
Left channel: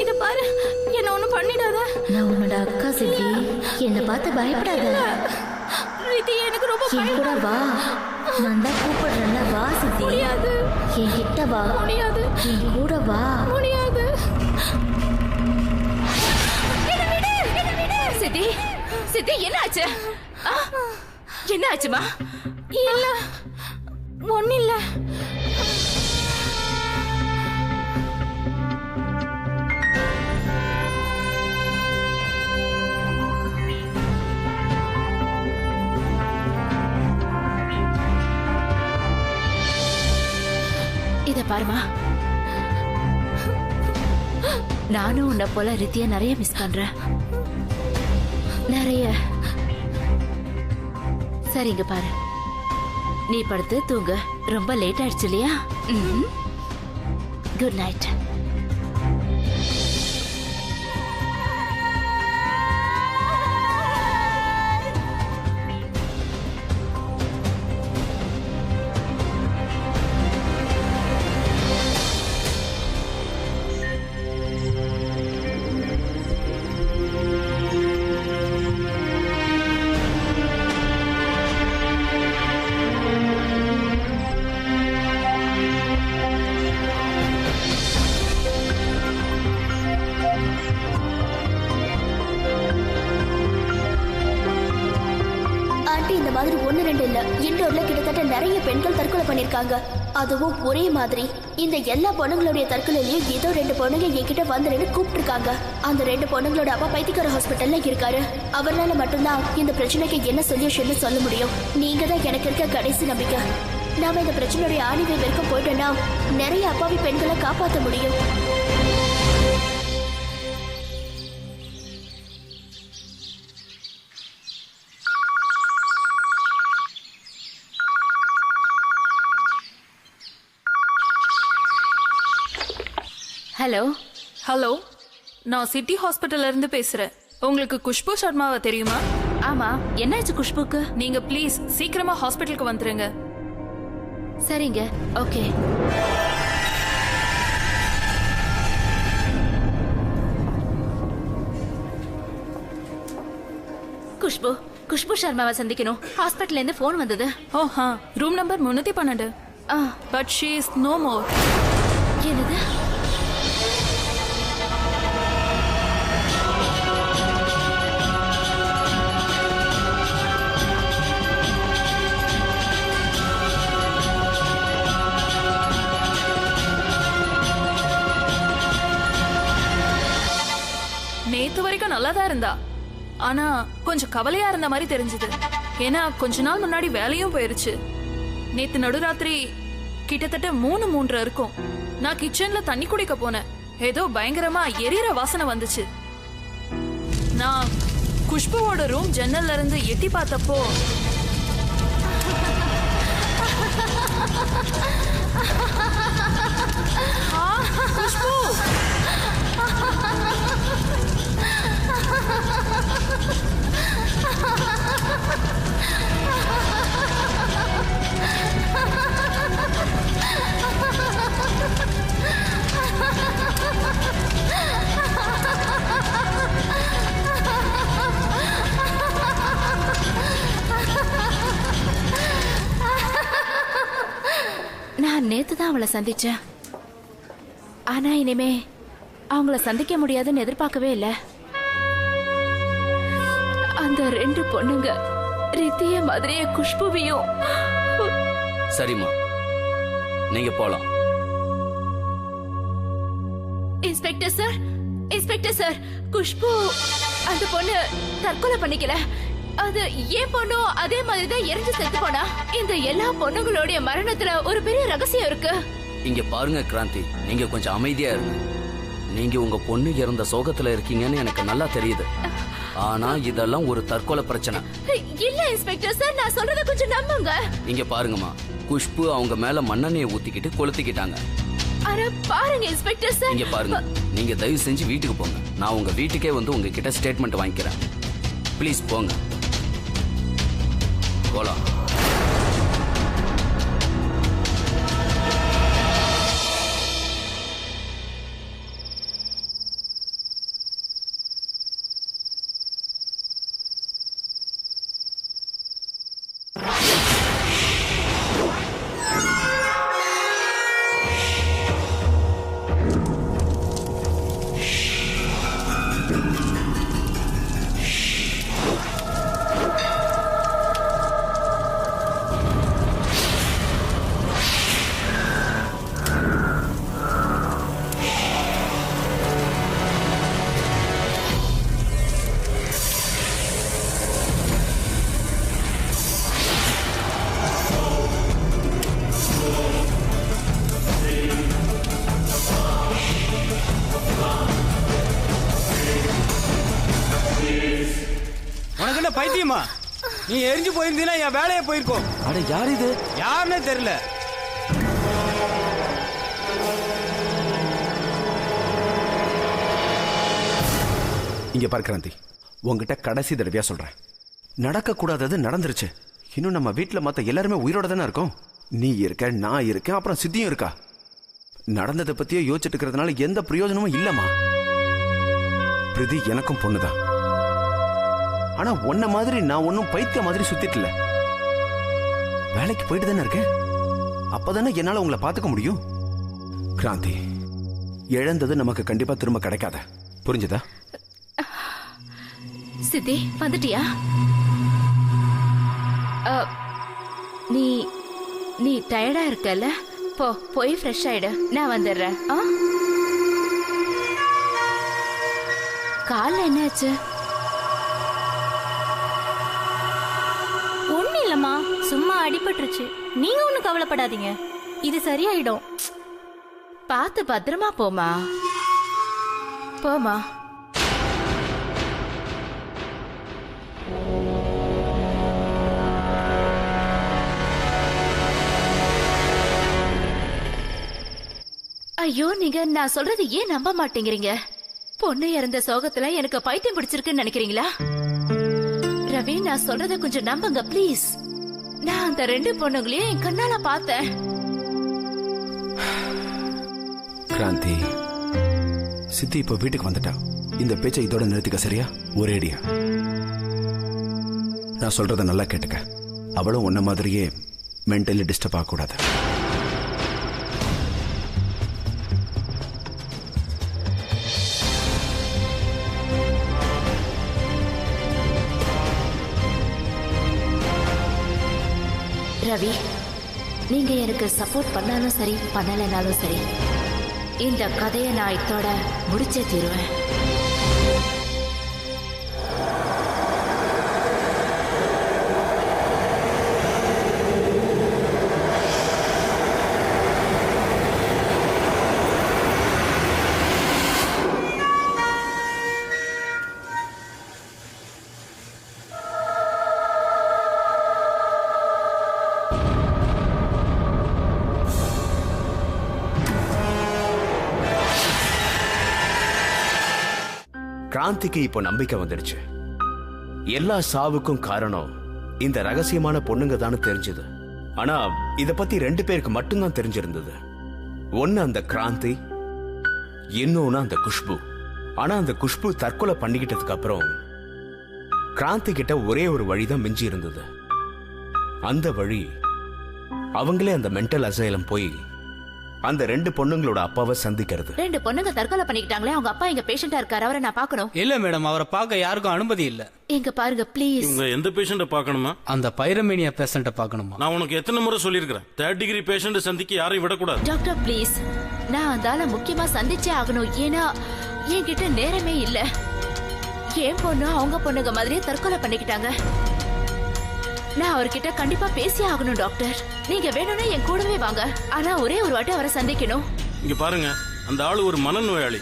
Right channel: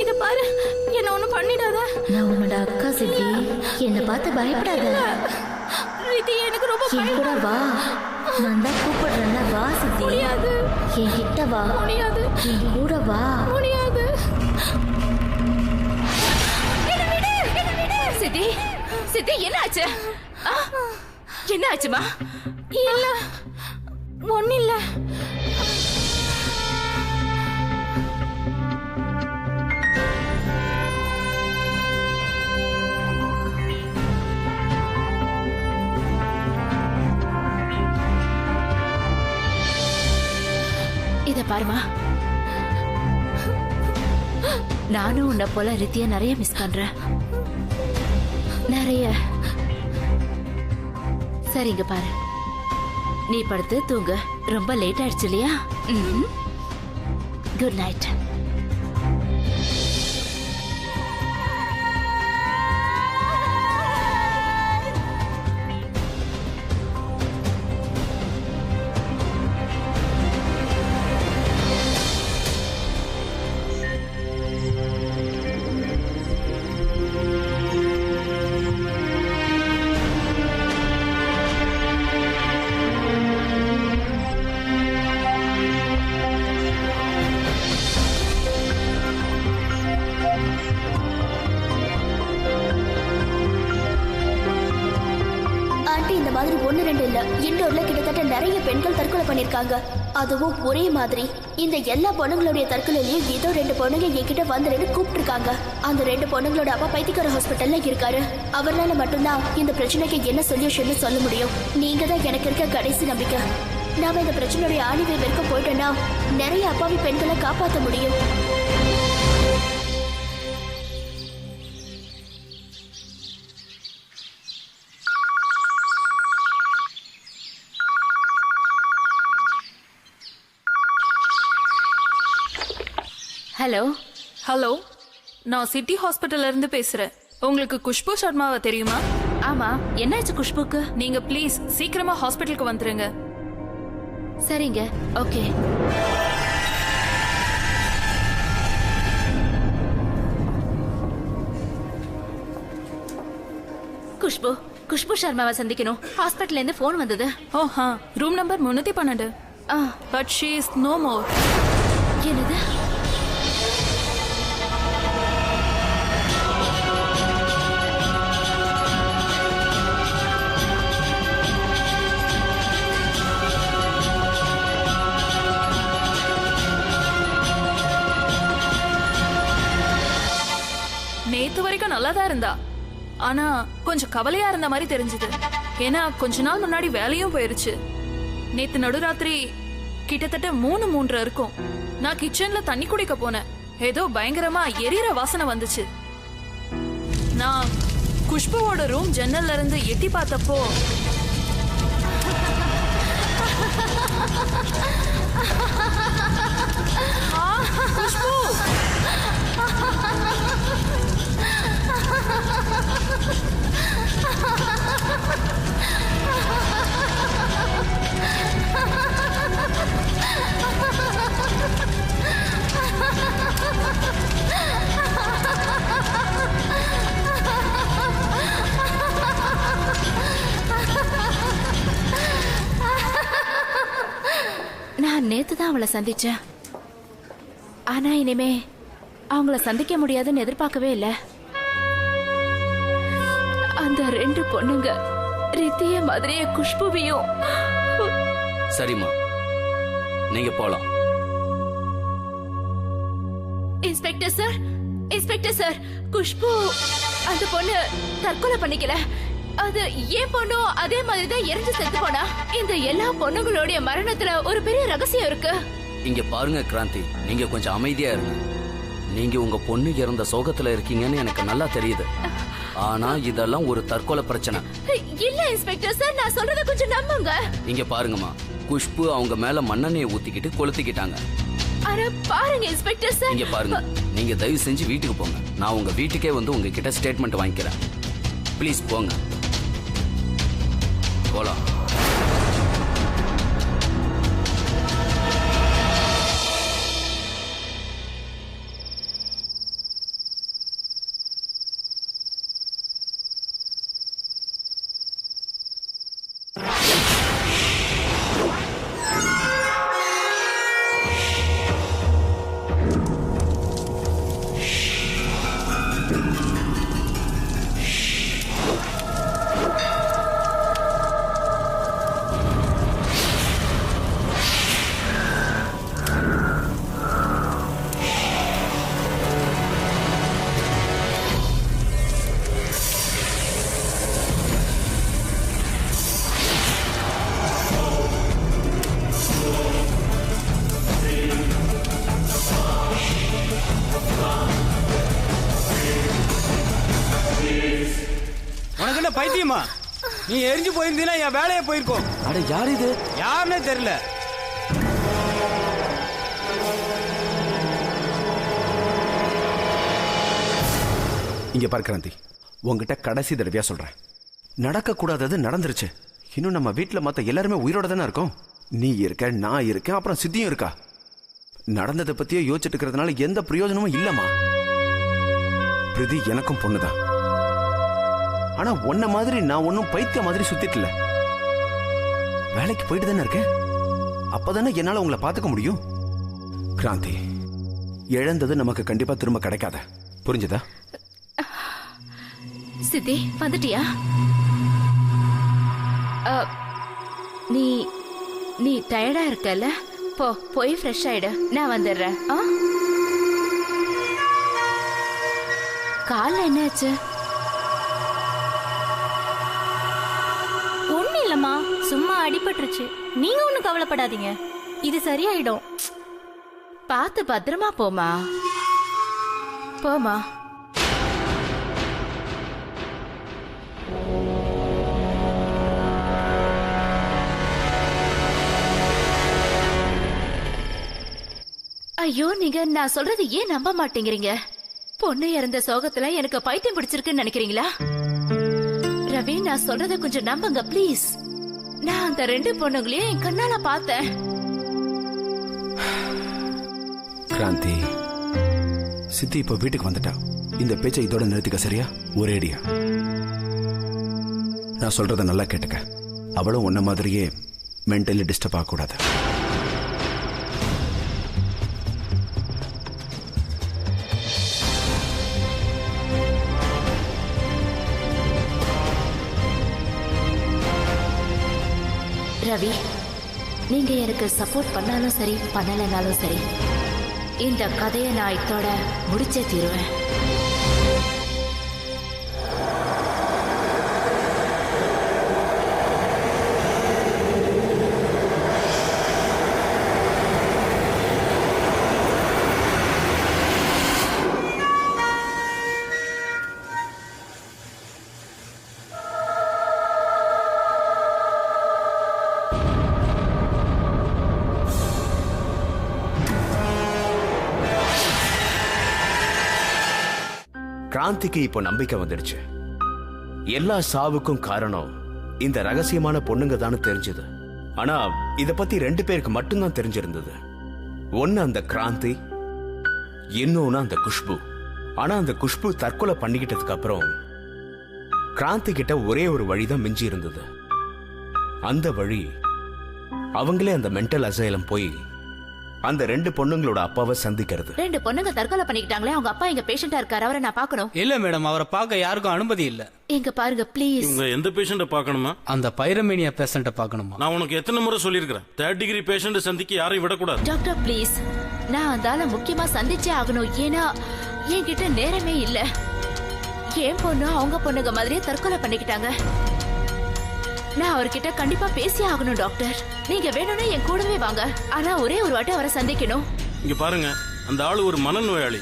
இத பாரு, என்ன ஒண்ணும் பண்ணிடாத. நான் உன்னோட அக்கா சித்தி, என்னை பார்த்து பயப்படாத. ரித்தி, எனக்கு ரொம்ப என் கூட வா. நான் தான் கூப்பிடுறேன்ல, வா சித்தி. முடியாது. என் கிட்ட வா. முடியாது. என் கூட வா. முடியாது. சித்தி, சித்தி, என்ன ஆச்சு? என்ன ஆச்சுமா? இல்ல, ஒண்ணு இல்ல. இத பாருமா, நானும் உன்னை போல ரித்திய நிறைய மிஸ் பண்றேன். நிறைய. சரிங்க பாரு, நீ படுத்து தூங்க. ரொம்ப லேட் ஆயிடுச்சு இல்லையா? Good night. ஆண்டி, இந்த மாதிரி 1-2 இல்ல, இண்டோர்ல கிட்டத்தட்ட நிறைய பெண்கள் தற்கொலை பண்ணிருக்காங்க. அதுவும் ஒரே மாதிரி. இந்த எல்லா பொண்ணுங்களுடைய தற்கொலையிலயும் ஏதோ 2 பொண்ணுங்க என்கிட்ட வந்துருன்னு கூப்பிட்டு இருக்காங்க. அந்த 2 பொண்ணுங்களோட அப்பா பைத்தியக்கார ஹாஸ்பிட்டல்ல இருக்காரு. அவரால மட்டும்தான் இந்த பிரச்சனைக்கு என்ன சொல்யூஷன் சொல்ல முடியும். நீங்க தான் எனக்கு இருக்க கடைசி நம்பிக்கை. நாம இந்த பிரச்சனையுடைய ஆணிவை வரைக்கும் போயிட்டோம்னா நிறைய அப்பாவி பெண்களை காப்பாற்ற முடியும். ஹலோ ஹலோ, நான் சிட்டி ஹாஸ்பிட்டல்ல இருந்து பேசுறேன். உங்களுக்கு குஷ்பு சர்மாவை தெரியுமா? ஆமா, என்னாச்சு குஷ்புக்கு? நீங்க ப்ளீஸ் சீக்கிரமா ஹாஸ்பிட்டலுக்கு வந்துருங்க. சரிங்க, ஓகே. குஷ்பு குஷ்பு சர்மாவை சந்திக்கணும். ஹாஸ்பிட்டல்ல இருந்து போன் வந்தது. ஓஹா, room number 312. But she is no more. என்னது? நேத்து வரைக்கும் நல்லா தான் இருந்தா, ஆனா கொஞ்சம் கவலையா இருந்த மாதிரி தெரிஞ்சது. ஏன்னா கொஞ்ச நாள் முன்னாடி வேலையும் போயிருச்சு. நேத்து நடுராத்திரி கிட்டத்தட்ட 3:30 இருக்கும். நான் கிச்சன்ல தண்ணி குடிக்க போனேன். ஏதோ பயங்கரமா எரியற வாசனை வந்துச்சு. நான் குஷ்புவோட ரூம் ஜன்னல்ல இருந்து எட்டி பார்த்தப்போ குஷ்பு நான் நேத்து தான் அவளை சந்திச்சேன். ஆனா இனிமே அவங்கள சந்திக்க முடியாதுன்னு எதிர்பார்க்கவே இல்லை. அந்த 2 பொண்ணுங்க ரித்திய மாதிரியே குஷ்புவையும். சரிம்மா, நீங்க போலாம். Inspector sir, inspector sir, Khushbu அந்த பொண்ணு தற்கொலை பண்ணிக்கல. அது ஏன் பொண்ணும் அதே மாதிரிதான் எரிஞ்சு செத்து போனா. இந்த எல்லா பொண்ணுங்களுடைய மரணத்துல ஒரு பெரிய ரகசியம் இருக்கு. இங்க பாருங்க கிராந்தி, நீங்க கொஞ்சம் அமைதியா இருங்க. நீங்க உங்க பொண்ணு இறந்த சோகத்துல இருக்கீங்கன்னு எனக்கு நல்லா தெரியுது. ஆனா இதெல்லாம் ஒரு தற்கொலை பிரச்சனை இல்ல இன்ஸ்பெக்டர் சார், நான் சொல்றத கொஞ்சம் நம்புங்க. இங்க பாருங்கம்மா, குஷ்பு அவங்க மேல மண்ணெண்ணெயை ஊத்திக்கிட்டு கொளுத்திக்கிட்டாங்க. அட பாருங்க இன்ஸ்பெக்டர் சார். இங்க பாருங்க, நீங்க தயவு செஞ்சு வீட்டுக்கு போங்க. நான் உங்க வீட்டுக்கே வந்து உங்ககிட்ட ஸ்டேட்மெண்ட் வாங்கிக்கிறேன். ப்ளீஸ் போங்க, போலாம். உனக்கு என்ன பைத்தியமா? நீ எரிஞ்சு போயிருந்தீனா என் வேலையை போயிருக்கோம். அட யார் இது? யாருன்னே தெரியல. இங்க பாரு கிராந்தி, உங்ககிட்ட கடைசி தடவையா சொல்றேன், நடக்க கூடாதது நடந்துருச்சு. இன்னும் நம்ம வீட்டுல மத்த எல்லாருமே உயிரோட தானே இருக்கோம். நீ இருக்க, நான் இருக்கேன், அப்புறம் சித்தியும் இருக்கா. நடந்ததை பத்தியே யோசிச்சுட்டு இருக்கிறதுனால எந்த பிரயோஜனமும் இல்லம்மா. பிரிதி எனக்கும் பொண்ணுதான். ஆனா உன்ன மாதிரி நான் ஒன்னும் பைத்திய மாதிரி சுத்திட்டு இல்ல. வேலைக்கு போயிட்டு தானே இருக்கேன். அப்பதானே என்னால உங்களை பாத்துக்க முடியும். கிராந்தி, இழந்தது நமக்கு கண்டிப்பா திரும்ப கிடைக்காத, புரிஞ்சுதா? சித்தி வந்துட்டியா? நீ நீ டயர்டா இருக்கல, போய் ஃப்ரெஷ் ஆயிடு, நான் வந்துடுறேன். கால்ல என்னாச்சு? ஒண்ணு இல்லம்மா, சும்மா அடிபட்டுருச்சு. நீங்க ஒண்ணும் கவலைப்படாதீங்க, இது சரியாயிடும். பார்த்து பத்திரமா போமா. போமா. ஐயோ, நீங்க நான் சொல்றது ஏன் நம்ப மாட்டேங்கிறீங்க? பொண்ணு இறந்த சோகத்துல எனக்கு பைத்தியம் பிடிச்சிருக்குன்னு நினைக்கிறீங்களா? ரவி, நான் சொல்றத கொஞ்சம் நம்புங்க ப்ளீஸ். நான் அந்த 2 பொண்ணுங்களையும் என் கண்ணால பார்த்தேன். கிராந்தி, சித்தி இப்ப வீட்டுக்கு வந்துட்டா. இந்த பேச்சை இதோட நிறுத்திக்க, சரியா? ஒரேடியா நான் சொல்றத நல்லா கேட்டுக்க. அவளும் உன்ன மாதிரியே மென்டலி டிஸ்டர்ப் ஆகக்கூடாது. ரவி, நீங்க எனக்கு சப்போர்ட் பண்ணாலும் சரி பண்ணலைனாலும் சரி, இந்த கதையை நான் இதோட முடிச்சே தீருவேன். கிராந்திக்கு இப்போ நம்பிக்கை வந்துடுச்சு. எல்லா சாவுக்கும் காரணம் இந்த ரகசியமான பொண்ணுங்க தானே தெரிஞ்சது. ஆனா இத பத்தி 2 பேருக்கு மட்டும்தான் தெரிஞ்சிருந்தது. ஒன்னு அந்த கிராந்தி, இன்னொன்னு அந்த குஷ்பு. ஆனா அந்த குஷ்பு தற்கொலை பண்ணிக்கிட்டதுக்கு அப்புறம் கிராந்தி கிட்ட ஒரே ஒரு வழிதான் மிஞ்சி இருந்தது. அந்த வழி அவங்களே அந்த மென்டல் அசைலம் போய் அந்த 2 பொண்ணுங்களோட அப்பாவை சந்திக்கிறது. 2 பொண்ணுங்க தற்கொலை பண்ணிக்கிட்டாங்களே, அவங்க அப்பா எங்க பேஷண்டா இருக்காரு, அவரை நான் பார்க்கணும். இல்ல மேடம், அவரை பார்க்க யாருக்கும் அனுமதி இல்ல. எங்க பாருங்க ப்ளீஸ். இவங்க எந்த பேஷண்ட பார்க்கணுமா? அந்த பைரமேனியா பேஷண்ட பார்க்கணுமா? நான் உனக்கு எத்தனை முறை சொல்லியிருக்கிறேன், 3rd டிகிரி பேஷண்ட் சந்திக்க யாரையும் விடக்கூடாது. டாக்டர் ப்ளீஸ், நான் அந்தால முக்கியமா சந்திச்சே ஆகணும். ஏன்னா என்கிட்ட நேரமே இல்ல. என் பொண்ணு அவங்க பொண்ணுங்க மாதிரியே தற்கொலை பண்ணிக்கிட்டாங்க. நான் அவர்கிட்ட கண்டிப்பா பேசி ஆகணும் டாக்டர். நீங்க வேணும்னா என் கூடவே வாங்க. ஆனா ஒரே ஒரு வாட்டி அவரை சந்திக்கணும். இங்க பாருங்க, அந்த ஆளு ஒரு மனநோயாளி.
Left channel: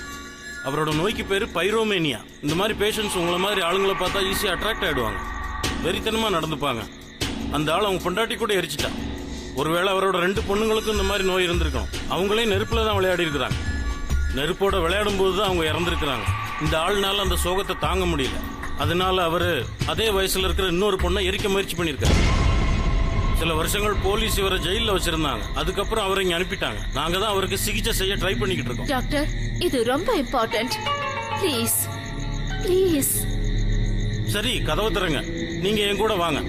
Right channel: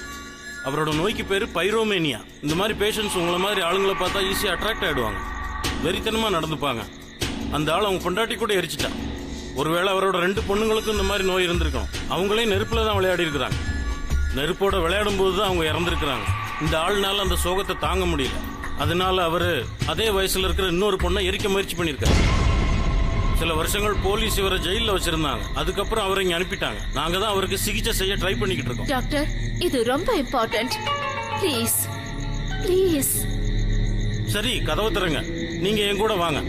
அவரோட நோய்க்கு பேரு பைரோமேனியா. இந்த மாதிரி பேஷண்ட்ஸ் உங்களை மாதிரி ஆளுங்களை பார்த்தா ஈஸியா அட்ராக்ட் ஆயிடுவாங்க, வெறித்தனமா நடந்துப்பாங்க. அந்த ஆள் அவங்க பொண்டாட்டி கூட எரிச்சிட்டா. ஒருவேளை அவரோட 2 பொண்ணுங்களுக்கும் இந்த மாதிரி நோய் இருந்திருக்கணும். அவங்களே நெருப்புல தான் விளையாடி இருக்கிறாங்க. நெருப்போட விளையாடும் போதுதான் அவங்க இறந்திருக்கிறாங்க. இந்த ஆள்னால அந்த சோகத்தை தாங்க முடியல. அதனால அவரு அதே வயசுல இருக்கிற இன்னொரு பொண்ணை எரிக்க முயற்சி பண்ணிருக்காரு. சில வருஷங்கள் போலீஸ் இவரை ஜெயில வச்சிருந்தாங்க. அதுக்கப்புறம் அவரை இங்க அனுப்பிட்டாங்க. நாங்க தான் அவருக்கு சிகிச்சை செய்ய ட்ரை பண்ணிக்கிட்டு இருக்கோம். டாக்டர், இது ரொம்ப இம்பார்ட்டன்ட். Please please. சரி, கதவை திறங்க. நீங்க என் கூட வாங்க.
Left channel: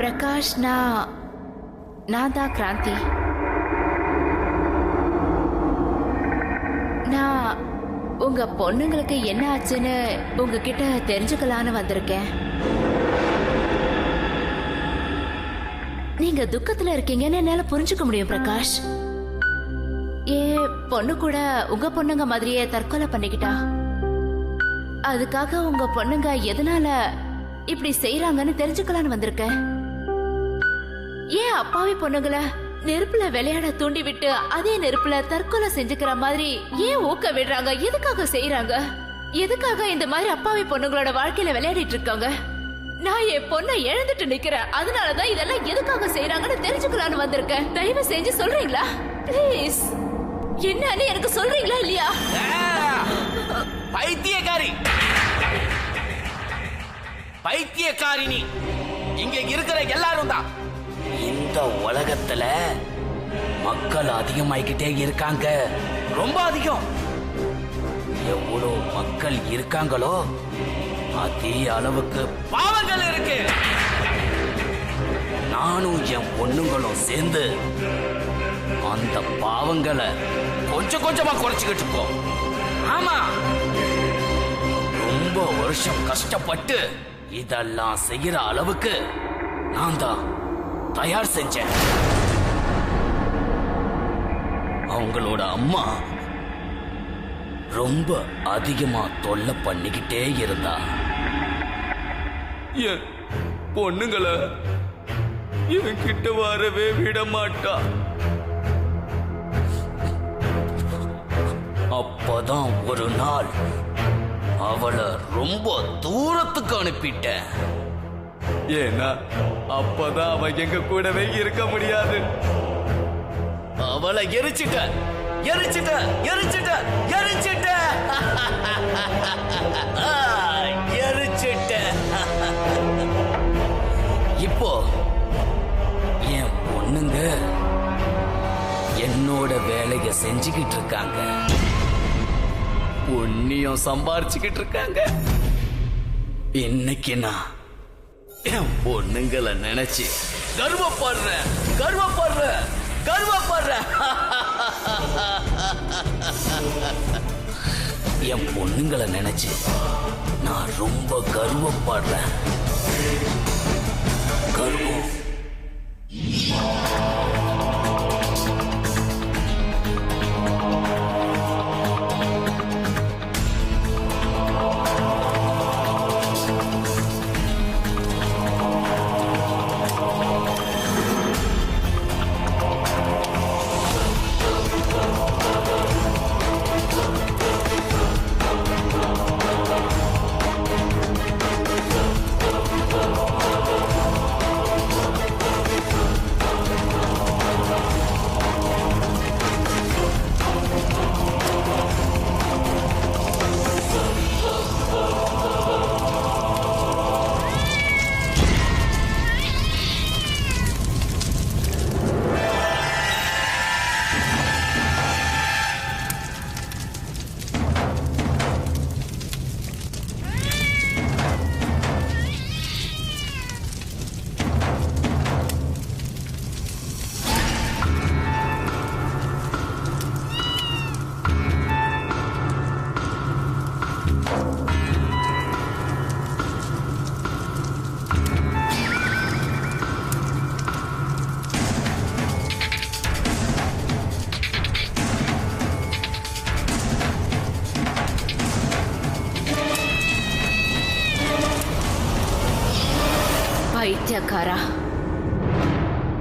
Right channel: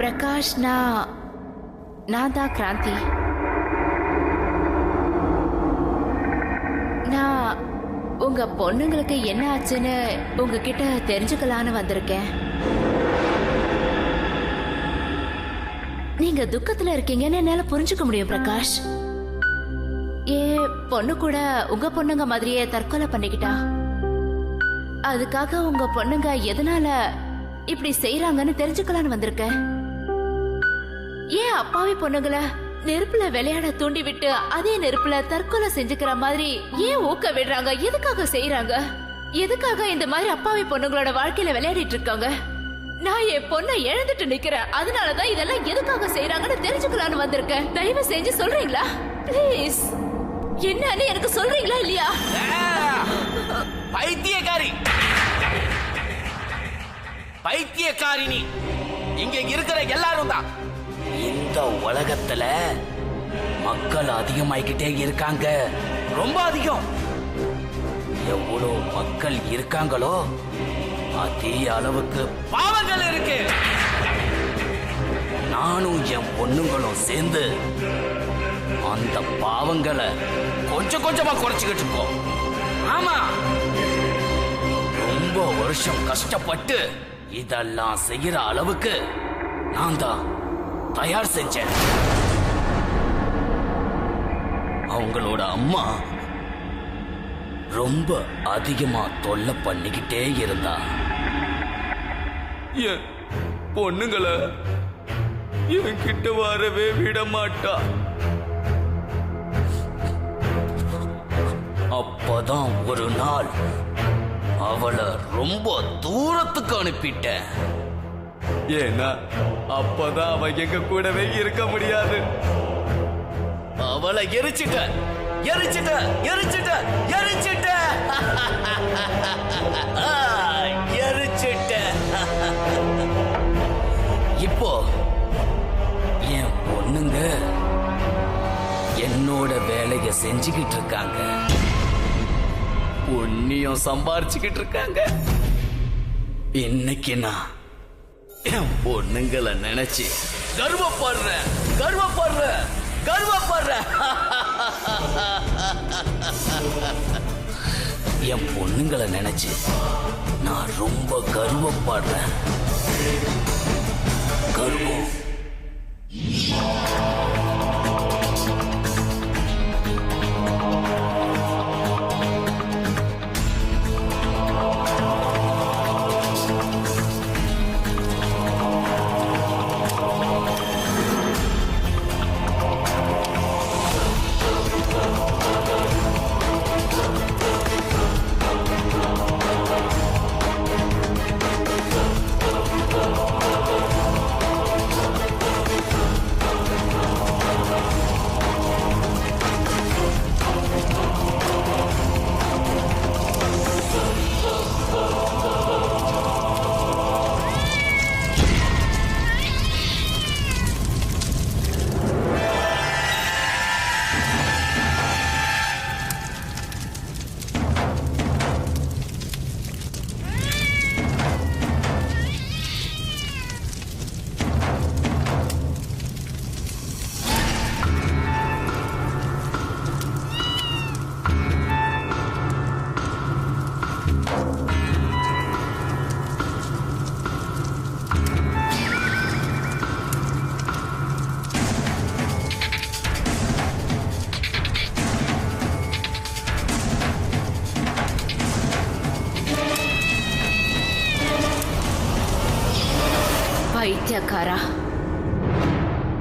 பிரகாஷ், நான் தான் கிராந்தி. நான் உங்க பொண்ணுங்களுக்கு என்ன ஆச்சுன்னு உங்ககிட்ட தெரிஞ்சுக்கலான்னு வந்திருக்கேன். நீங்க துக்கத்துல இருக்கீங்கன்னு என்னால புரிஞ்சுக்க முடியும் பிரகாஷ். பொண்ணு கூட உங்க பொண்ணுங்க மாதிரியே தற்கொலை பண்ணிக்கிட்டா. அதுக்காக உங்க பொண்ணுங்க எதனால இப்படி செய்யறாங்கன்னு தெரிஞ்சுக்கலான்னு வந்திருக்கேன். ஏன் அப்பாவி பொண்ணுங்களை நெருப்புல விளையாட தூண்டி விட்டு அதே நெருப்புல தற்கொலை செஞ்சுக்கிற மாதிரி ஏன் ஊக்க விடுறாங்க? எதுக்காக செய்யறாங்க? எதுக்காக இந்த மாதிரி அப்பாவி பொண்ணுங்களோட வாழ்க்கையில விளையாடிட்டு இருக்காங்க? நான் என் பொண்ணை இழந்துட்டு நிக்கிறேன். அதனாலதான் இதெல்லாம் எதுக்காக செய்யறாங்கன்னு தெரிஞ்சுக்கலான்னு வந்திருக்கேன். தயவு செஞ்சு சொல்றீங்களா பிளீஸ்? என்னன்னு எனக்கு சொல்றீங்களா இல்லையா? பைத்தியக்காரி, பைத்தியக்காரினி இங்க இருக்கிற எல்லாரும் தான். இந்த உலகத்துல மக்கள் அதிகமாயிக்கிட்டே இருக்காங்க, ரொம்ப அதிகம். எவ்வளவு மக்கள் இருக்காங்களோ அதே அளவுக்கு பாவங்கள் இருக்கு. நானும் என் பொண்ணுங்களும் சேர்ந்து அந்த பாவங்களை கொஞ்சம் கொஞ்சமா குறைச்சுக்கிட்டு இருக்கோம். ஆமா, ரொம்ப வருஷம் கஷ்டப்பட்டு இதெல்லாம் செய்யற அளவுக்கு நான் தான் தயார் செஞ்சேன். அவங்களோட அம்மா ரொம்ப அதிகமா தொல்லை பண்ணிக்கிட்டே இருந்தா. என் பொண்ணுங்களை என்கிட்ட வரவே விட மாட்டா. அப்பதான் ஒரு நாள் அவளை ரொம்ப தூரத்துக்கு அனுப்பிட்டேன். ஏன்னா அப்பதான் அவ எங்க கூடவே இருக்க முடியாது. அவளை எரிச்சிட்ட எரிச்சிட்ட எரிச்சிட்ட எரிச்சிட்ட எரிச்சிட்ட. இப்போ என் பொண்ணுங்க என்னோட வேலைய செஞ்சுக்கிட்டு இருக்காங்க, பொண்ணியும் சம்பாரிச்சுக்கிட்டு இருக்காங்க. இன்னைக்கு நான் என் பொண்ணுங்களை நினைச்சு கர்வப்படுறேன் கர்வப்படுறேன் கர்வப்படுறேன். என் பொண்ணுங்களை நினைச்சு நான் ரொம்ப கர்வப்படுறேன். கர்வம். பைத்தியக்காரா,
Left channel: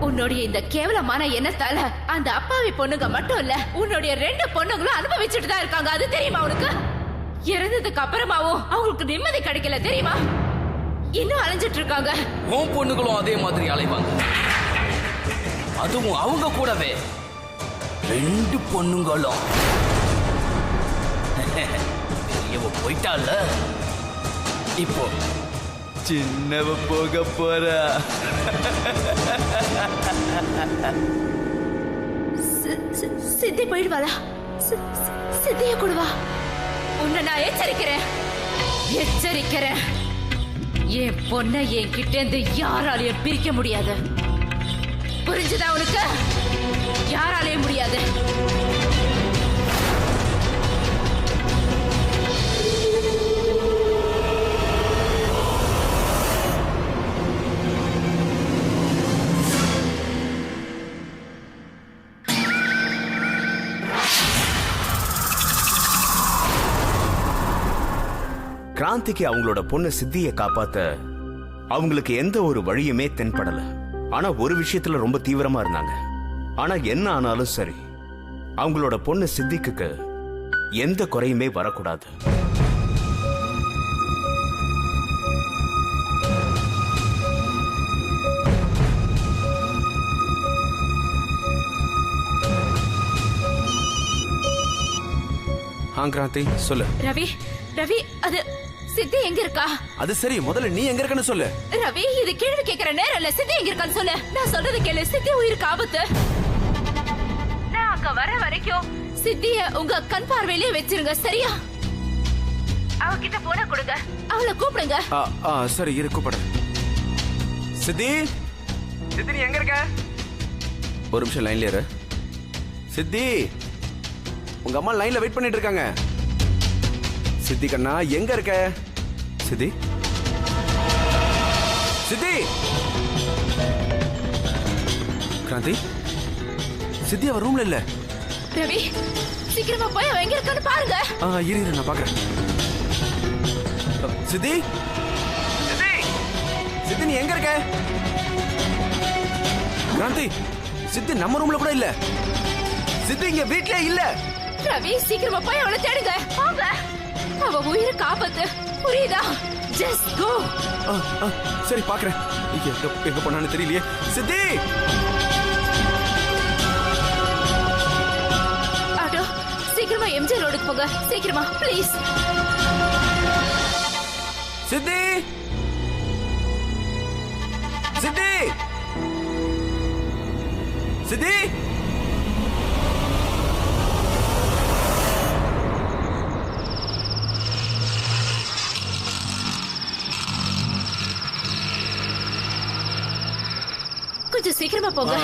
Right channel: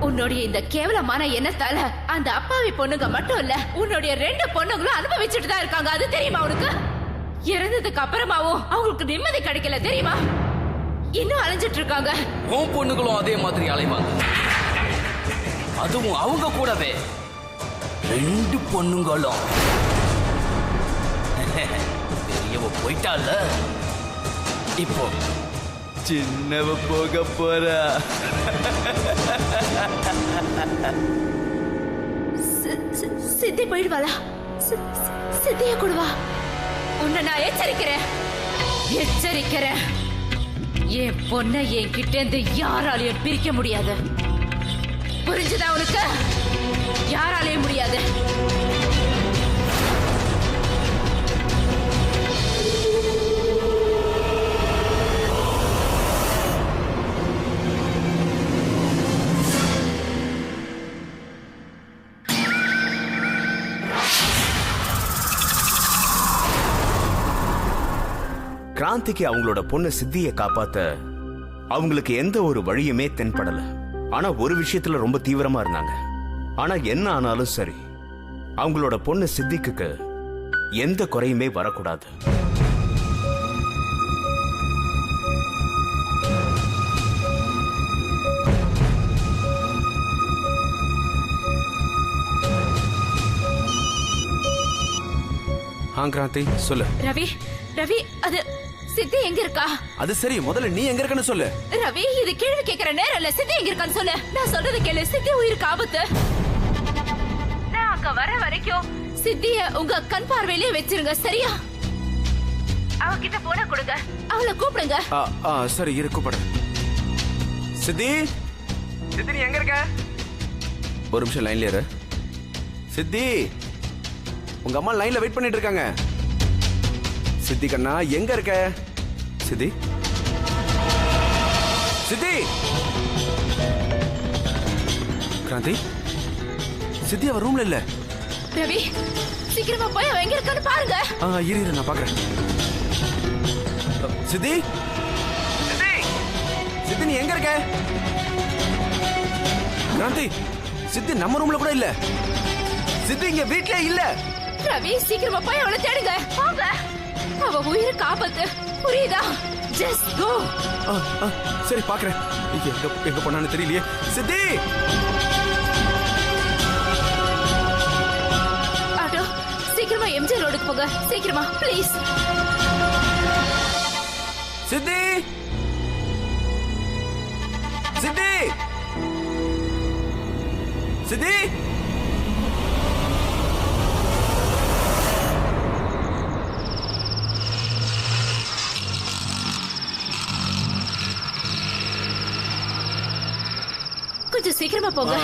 உன்னுடைய இந்த கேவலமான எண்ணத்தால அந்த அப்பாவி பொண்ணுங்க மட்டும் இல்ல, உன்னுடைய 2 பொண்ணுங்களும் அனுபவிச்சுட்டு தான் இருக்காங்க. அது தெரியுமா உனக்கு? இறந்ததுக்கு அப்புறமாவும் அவங்களுக்கு நிம்மதி கிடைக்கல தெரியுமா? இன்னும் அலைஞ்சிட்டு இருக்காங்க. உன் பொண்ணுகளும் அதே மாதிரி அலைவாங்க. அதுவும் அவங்க கூடவே 2 பொண்ணுங்களும். பெரியவ போயிட்டால, இப்போ சின்னவ போக போறா. சித்தி போயிடுவாளா? சித்திய கூடவா? உன்னை நான் எச்சரிக்கிறேன் எச்சரிக்கிறேன். என் பொண்ணை என் கிட்ட இருந்து யாராலையும் பிரிக்க முடியாது. புரிஞ்சுதா உனக்கு? யாராலையும் முடியாது. கிராந்திக்கு அவங்களோட பொண்ணு சித்தியை காப்பாத்த அவங்களுக்கு எந்த ஒரு வழியுமே தென்படல. ஆனா ஒரு விஷயத்துல ரொம்ப தீவிரமா இருந்தாங்க. ஆனா என்ன ஆனாலும் சரி, அவங்களோட பொண்ணு சித்திக்கு எந்த குறையுமே வரக்கூடாது. கிராந்தி சொல்லு. ரவி ரவி, அது சித்தி எங்க இருக்கா? அது சரி, முதல்ல நீ எங்க இருக்கன்னு சொல்லு. ரவி, இது கேள்வி கேட்கிற நேரம் இல்ல. சித்தி எங்க இருக்கான்னு சொல்லு. நான் சொல்றது கேளு. சித்தி உயிருக்கு ஆபத்து. நான் அங்க வர வரைக்கும் சித்திய உங்க கண் பார்வையிலே வச்சிருங்க, சரியா? அவகிட்ட போன கொடுங்க, அவளை கூப்பிடுங்க. சரி, இரு கூப்பிடுறேன். சித்தி, சித்தி நீ எங்க இருக்க? ஒரு நிமிஷம் லைன்ல இரு. சித்தி, உங்க அம்மா லைன்ல வெயிட் பண்ணிட்டு இருக்காங்க. சித்தி கண்ணா எங்க இருக்க? சித்தி சித்தி கிராந்தி சித்தி அவ ரூம்ல இல்ல. ரவி சீக்கிரமா போய் அவ எங்க இருக்கான்னு பாருங்க. இரு நான் பாக்குறேன். சித்தி சித்தி சித்தி நீ எங்க இருக்க? கிராந்தி சித்தி நம்ம ரூம்ல கூட இல்ல. சித்தி இங்க வீட்லயே இல்ல. ரவி சீக்கிரமா போய் அவளை தேடுங்க. வாங்க. அவ உயிரை காப்பாத்து. புரியுதா? Just go. சரி பாக்குறேன். எங்க போனான்னு தெரியலையே. சித்தி ஆட்டோ சீக்கிரமா எம்ஜி ரோடுக்கு போங்க. சீக்கிரமா ப்ளீஸ். சித்தி சித்தி சித்தி கொஞ்சம் சீக்கிரமா போங்க.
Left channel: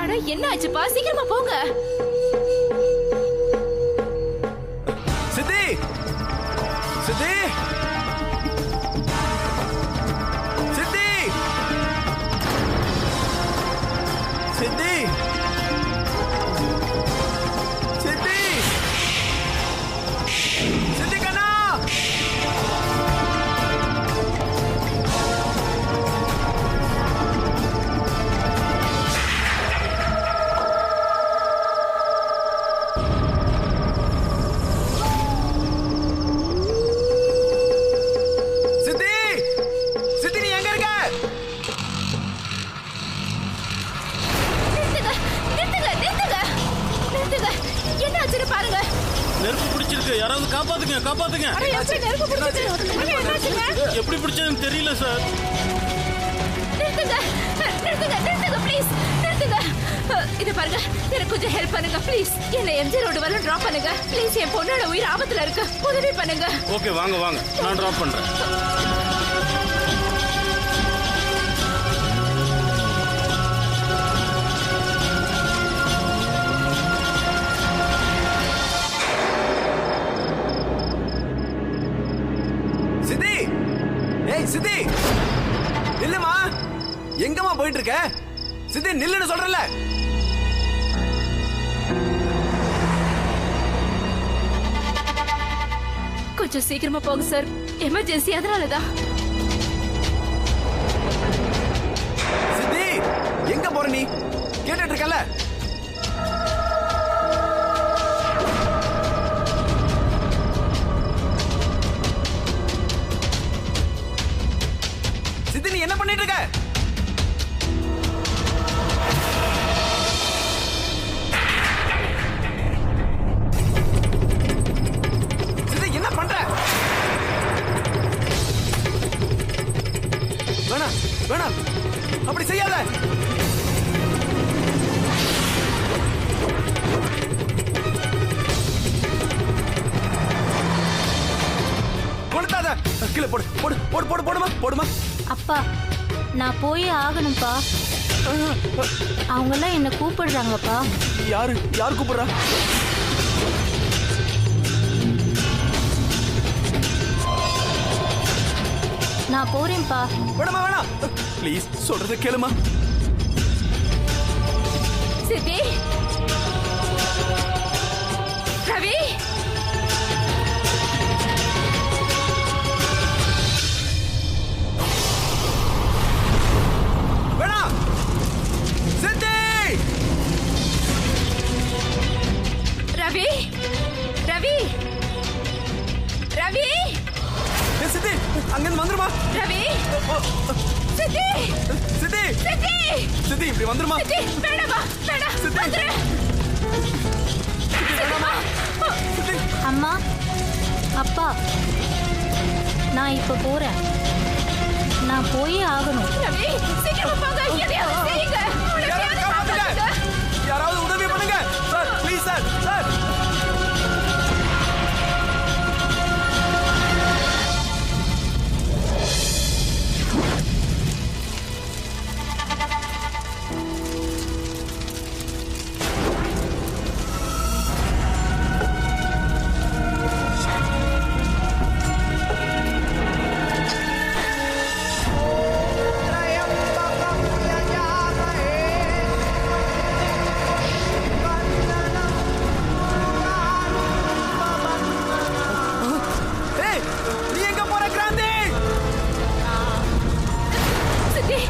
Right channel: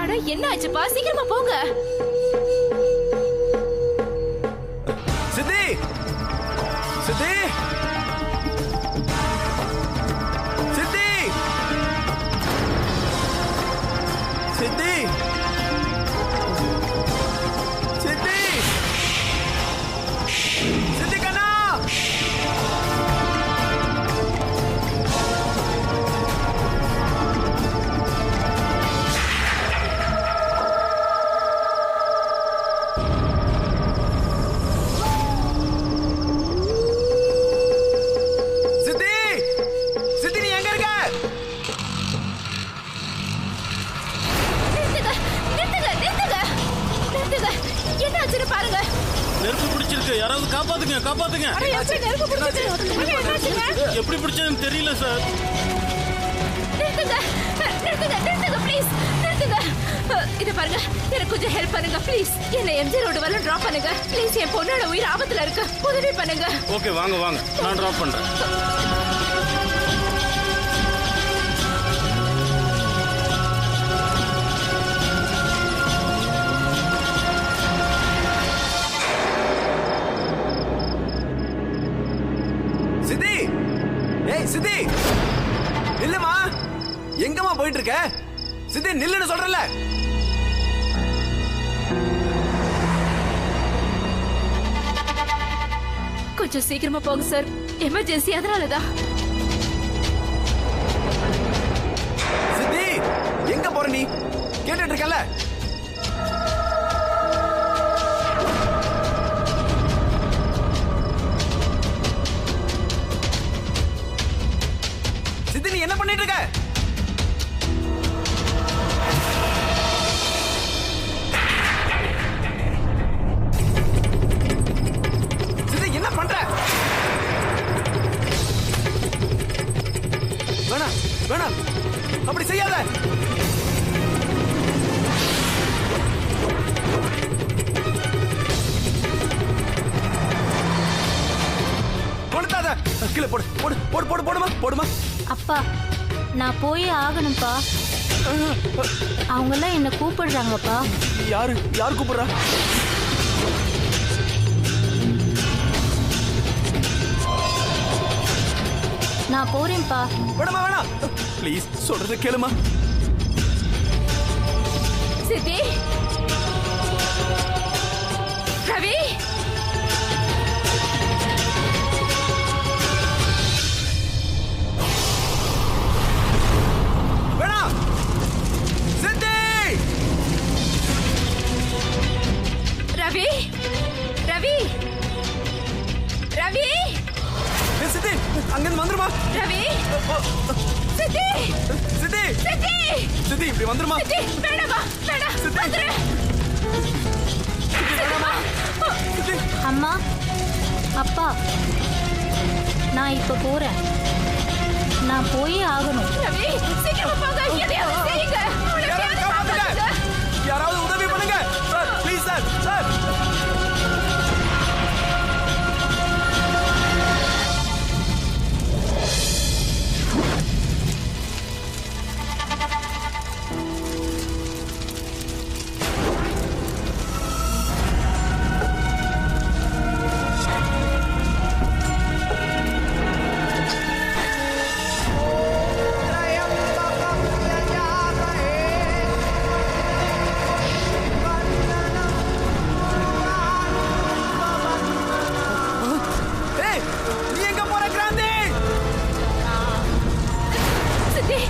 அட என்ன ஆச்சுப்பா? சீக்கிரமா போங்க. சித்தி சித்தி சித்தி சித்தி சித்தி சித்தி கண்ணா என்ன ஆச்சு பாருங்க. நெருப்பு பிடிச்சிருக்கு. யாராவது காப்பாத்துங்க காப்பாத்துங்க. எப்படி பிடிச்சதுன்னு தெரியல சார். நிறுத்துங்க நிறுத்துங்க நிறுத்துங்க ப்ளீஸ் நிறுத்துங்க. இத பாருங்க எனக்கு கொஞ்சம் ஹெல்ப் பண்ணுங்க ப்ளீஸ். என்ன எம்ஜி ரோடு வரல டிராப் பண்ணுங்க ப்ளீஸ். என் பொண்ணோட உயிர் ஆபத்துல இருக்கு. உதவி பண்ணுங்க. ஓகே வாங்க வாங்க நான் டிராப் பண்றேன். சித்தி ஏய் சித்தி நில்லுமா. எங்கம்மா போயிட்டு இருக்க? சித்தி நில்லுன்னு சொல்றல. கொஞ்சம் சீக்கிரமா போங்க சார். எமர்ஜென்சி அதனாலதான். சித்தி எங்க போற நீ? கேட்டுட்டு இருக்கல. சித்தி நீ என்ன பண்ணிட்டு இருக்க? சித்தி என்ன பண்ற? வேணா வேணா அப்படி செய்யாத. கொடுத்தாத. கீழே போடு போடு போடு போடு போடுமா போடுமா. அப்பா நான் போயே ஆகணும்ப்பா. அவங்க எல்லாம் என்ன கூப்பிடுறாங்கப்பா. யாரு யார் கூப்பிடுறா? நான் போறேன்ப்பா. வேணாமா வேணாம் ப்ளீஸ் சொல்றத கேளுமா. சித்தி ரவி வேணாம். சித்தி ரவி ரவி ரவி சித்தி அங்கிருந்து வந்துருமா. ரவி சித்தி சித்தி சித்தி சித்தி இப்படி வந்துருமா. சித்தி வேணாமா வேணாம் வந்துரு. வேணாமா சித்தி. அம்மா அப்பா நான் இப்ப போறேன். நான் போயே ஆகணும். ரவி சீக்கிரமா போங்க, எதையாவது செய்யுங்க. அவளை யாராவது காப்பாத்துங்க. யாராவது உதவி பண்ணுங்க சார், ப்ளீஸ் சார். சார் நீ எங்க போற கிராந்தி? சித்தி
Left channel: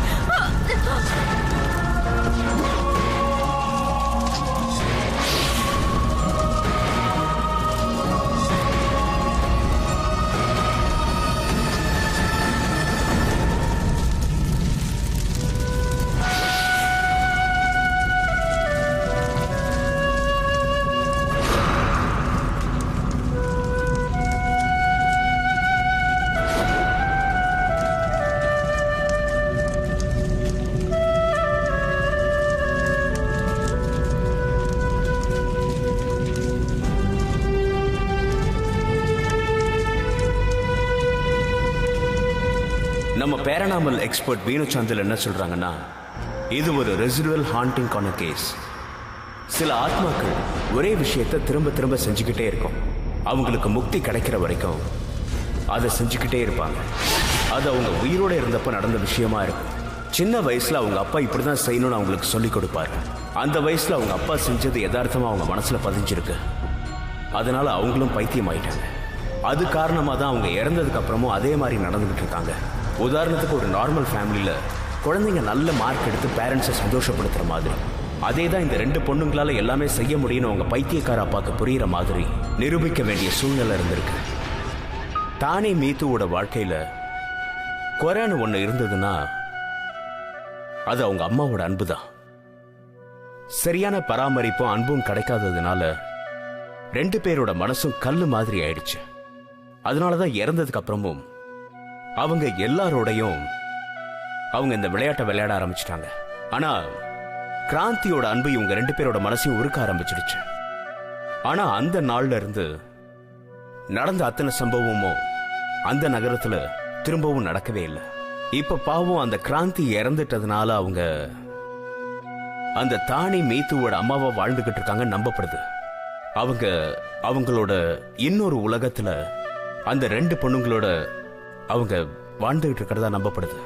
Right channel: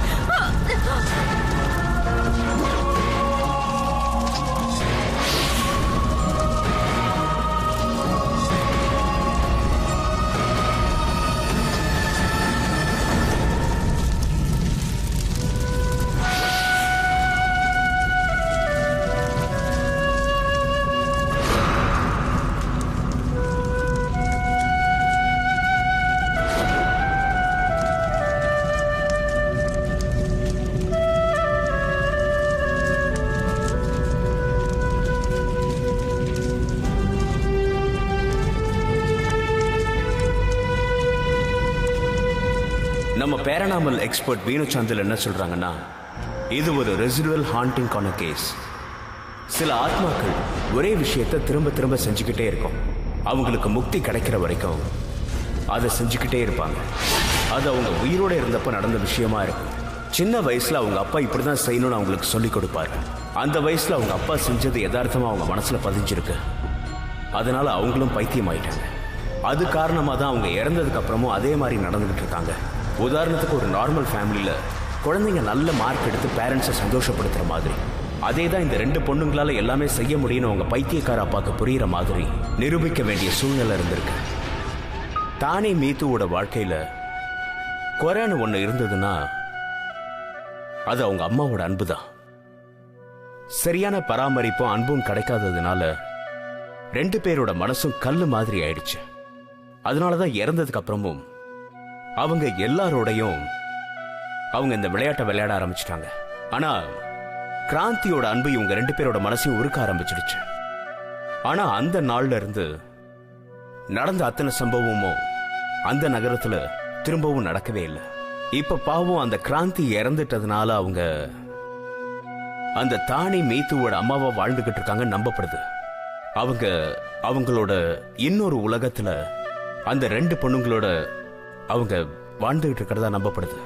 நம்ம பேரனாமல் எக்ஸ்பர்ட் வீணு சாந்தல் என்ன சொல்றாங்கன்னா, இது ஒரு ரெசிடுவல் ஹாண்டிங்கான கேஸ். சில ஆத்மாக்கள் ஒரே விஷயத்தை திரும்ப திரும்ப செஞ்சுக்கிட்டே இருக்கும். அவங்களுக்கு முக்தி கிடைக்கிற வரைக்கும் அதை செஞ்சுக்கிட்டே இருப்பாங்க. அது அவங்க உயிரோட இருந்தப்ப நடந்த விஷயமா இருக்கும். சின்ன வயசுல அவங்க அப்பா இப்படிதான் செய்யணும்னு அவங்களுக்கு சொல்லி கொடுப்பாரு. அந்த வயசுல அவங்க அப்பா செஞ்சது யதார்த்தமா அவங்க மனசுல பதிஞ்சிருக்கு. அதனால அவங்களும் பைத்தியம் ஆயிட்டாங்க. அது காரணமா தான் அவங்க இறந்ததுக்கு அப்புறமும் அதே மாதிரி நடந்துகிட்டு இருக்காங்க. உதாரணத்துக்கு ஒரு நார்மல் ஃபேமிலியில குழந்தைங்க நல்ல மார்க் எடுத்து பேரண்ட்ஸை சந்தோஷப்படுத்துற மாதிரி, அதே தான் இந்த 2 பொண்ணுங்களால எல்லாமே செய்ய முடியும்னு அவங்க பைத்தியக்கார அப்பாக்கு புரியுற மாதிரி நிரூபிக்க வேண்டிய சூழ்நிலை இருந்திருக்கு. தானே மீத்துவோட வாழ்க்கையில குறைன்னு ஒண்ணு இருந்ததுன்னா அது அவங்க அம்மாவோட அன்பு தான். சரியான பராமரிப்பும் அன்பும் கிடைக்காததுனால 2 பேரோட மனசும் கல்லு மாதிரி ஆயிடுச்சு. அதனாலதான் இறந்ததுக்கு அப்புறமும் அவங்க எல்லாரோடையும் அவங்க இந்த விளையாட்டை விளையாட ஆரம்பிச்சிட்டாங்க. ஆனா கிராந்தியோட அன்பு இவங்க 2 பேரோட மனசையும் உருக்க ஆரம்பிச்சிடுச்சு. ஆனா அந்த நாள்ல இருந்து நடந்த அத்தனை சம்பவமும் அந்த நகரத்துல திரும்பவும் நடக்கவே இல்லை. இப்ப பாவம் அந்த கிராந்தி இறந்துட்டதுனால அவங்க அந்த தானி மீத்துவோட அம்மாவா வாழ்ந்துகிட்டு இருக்காங்க நம்பப்படுது. அவங்களோட இன்னொரு உலகத்துல அந்த 2 பொண்ணுங்களோட அவங்க வாழ்ந்துகிட்டு இருக்கிறதா நம்பப்படுது.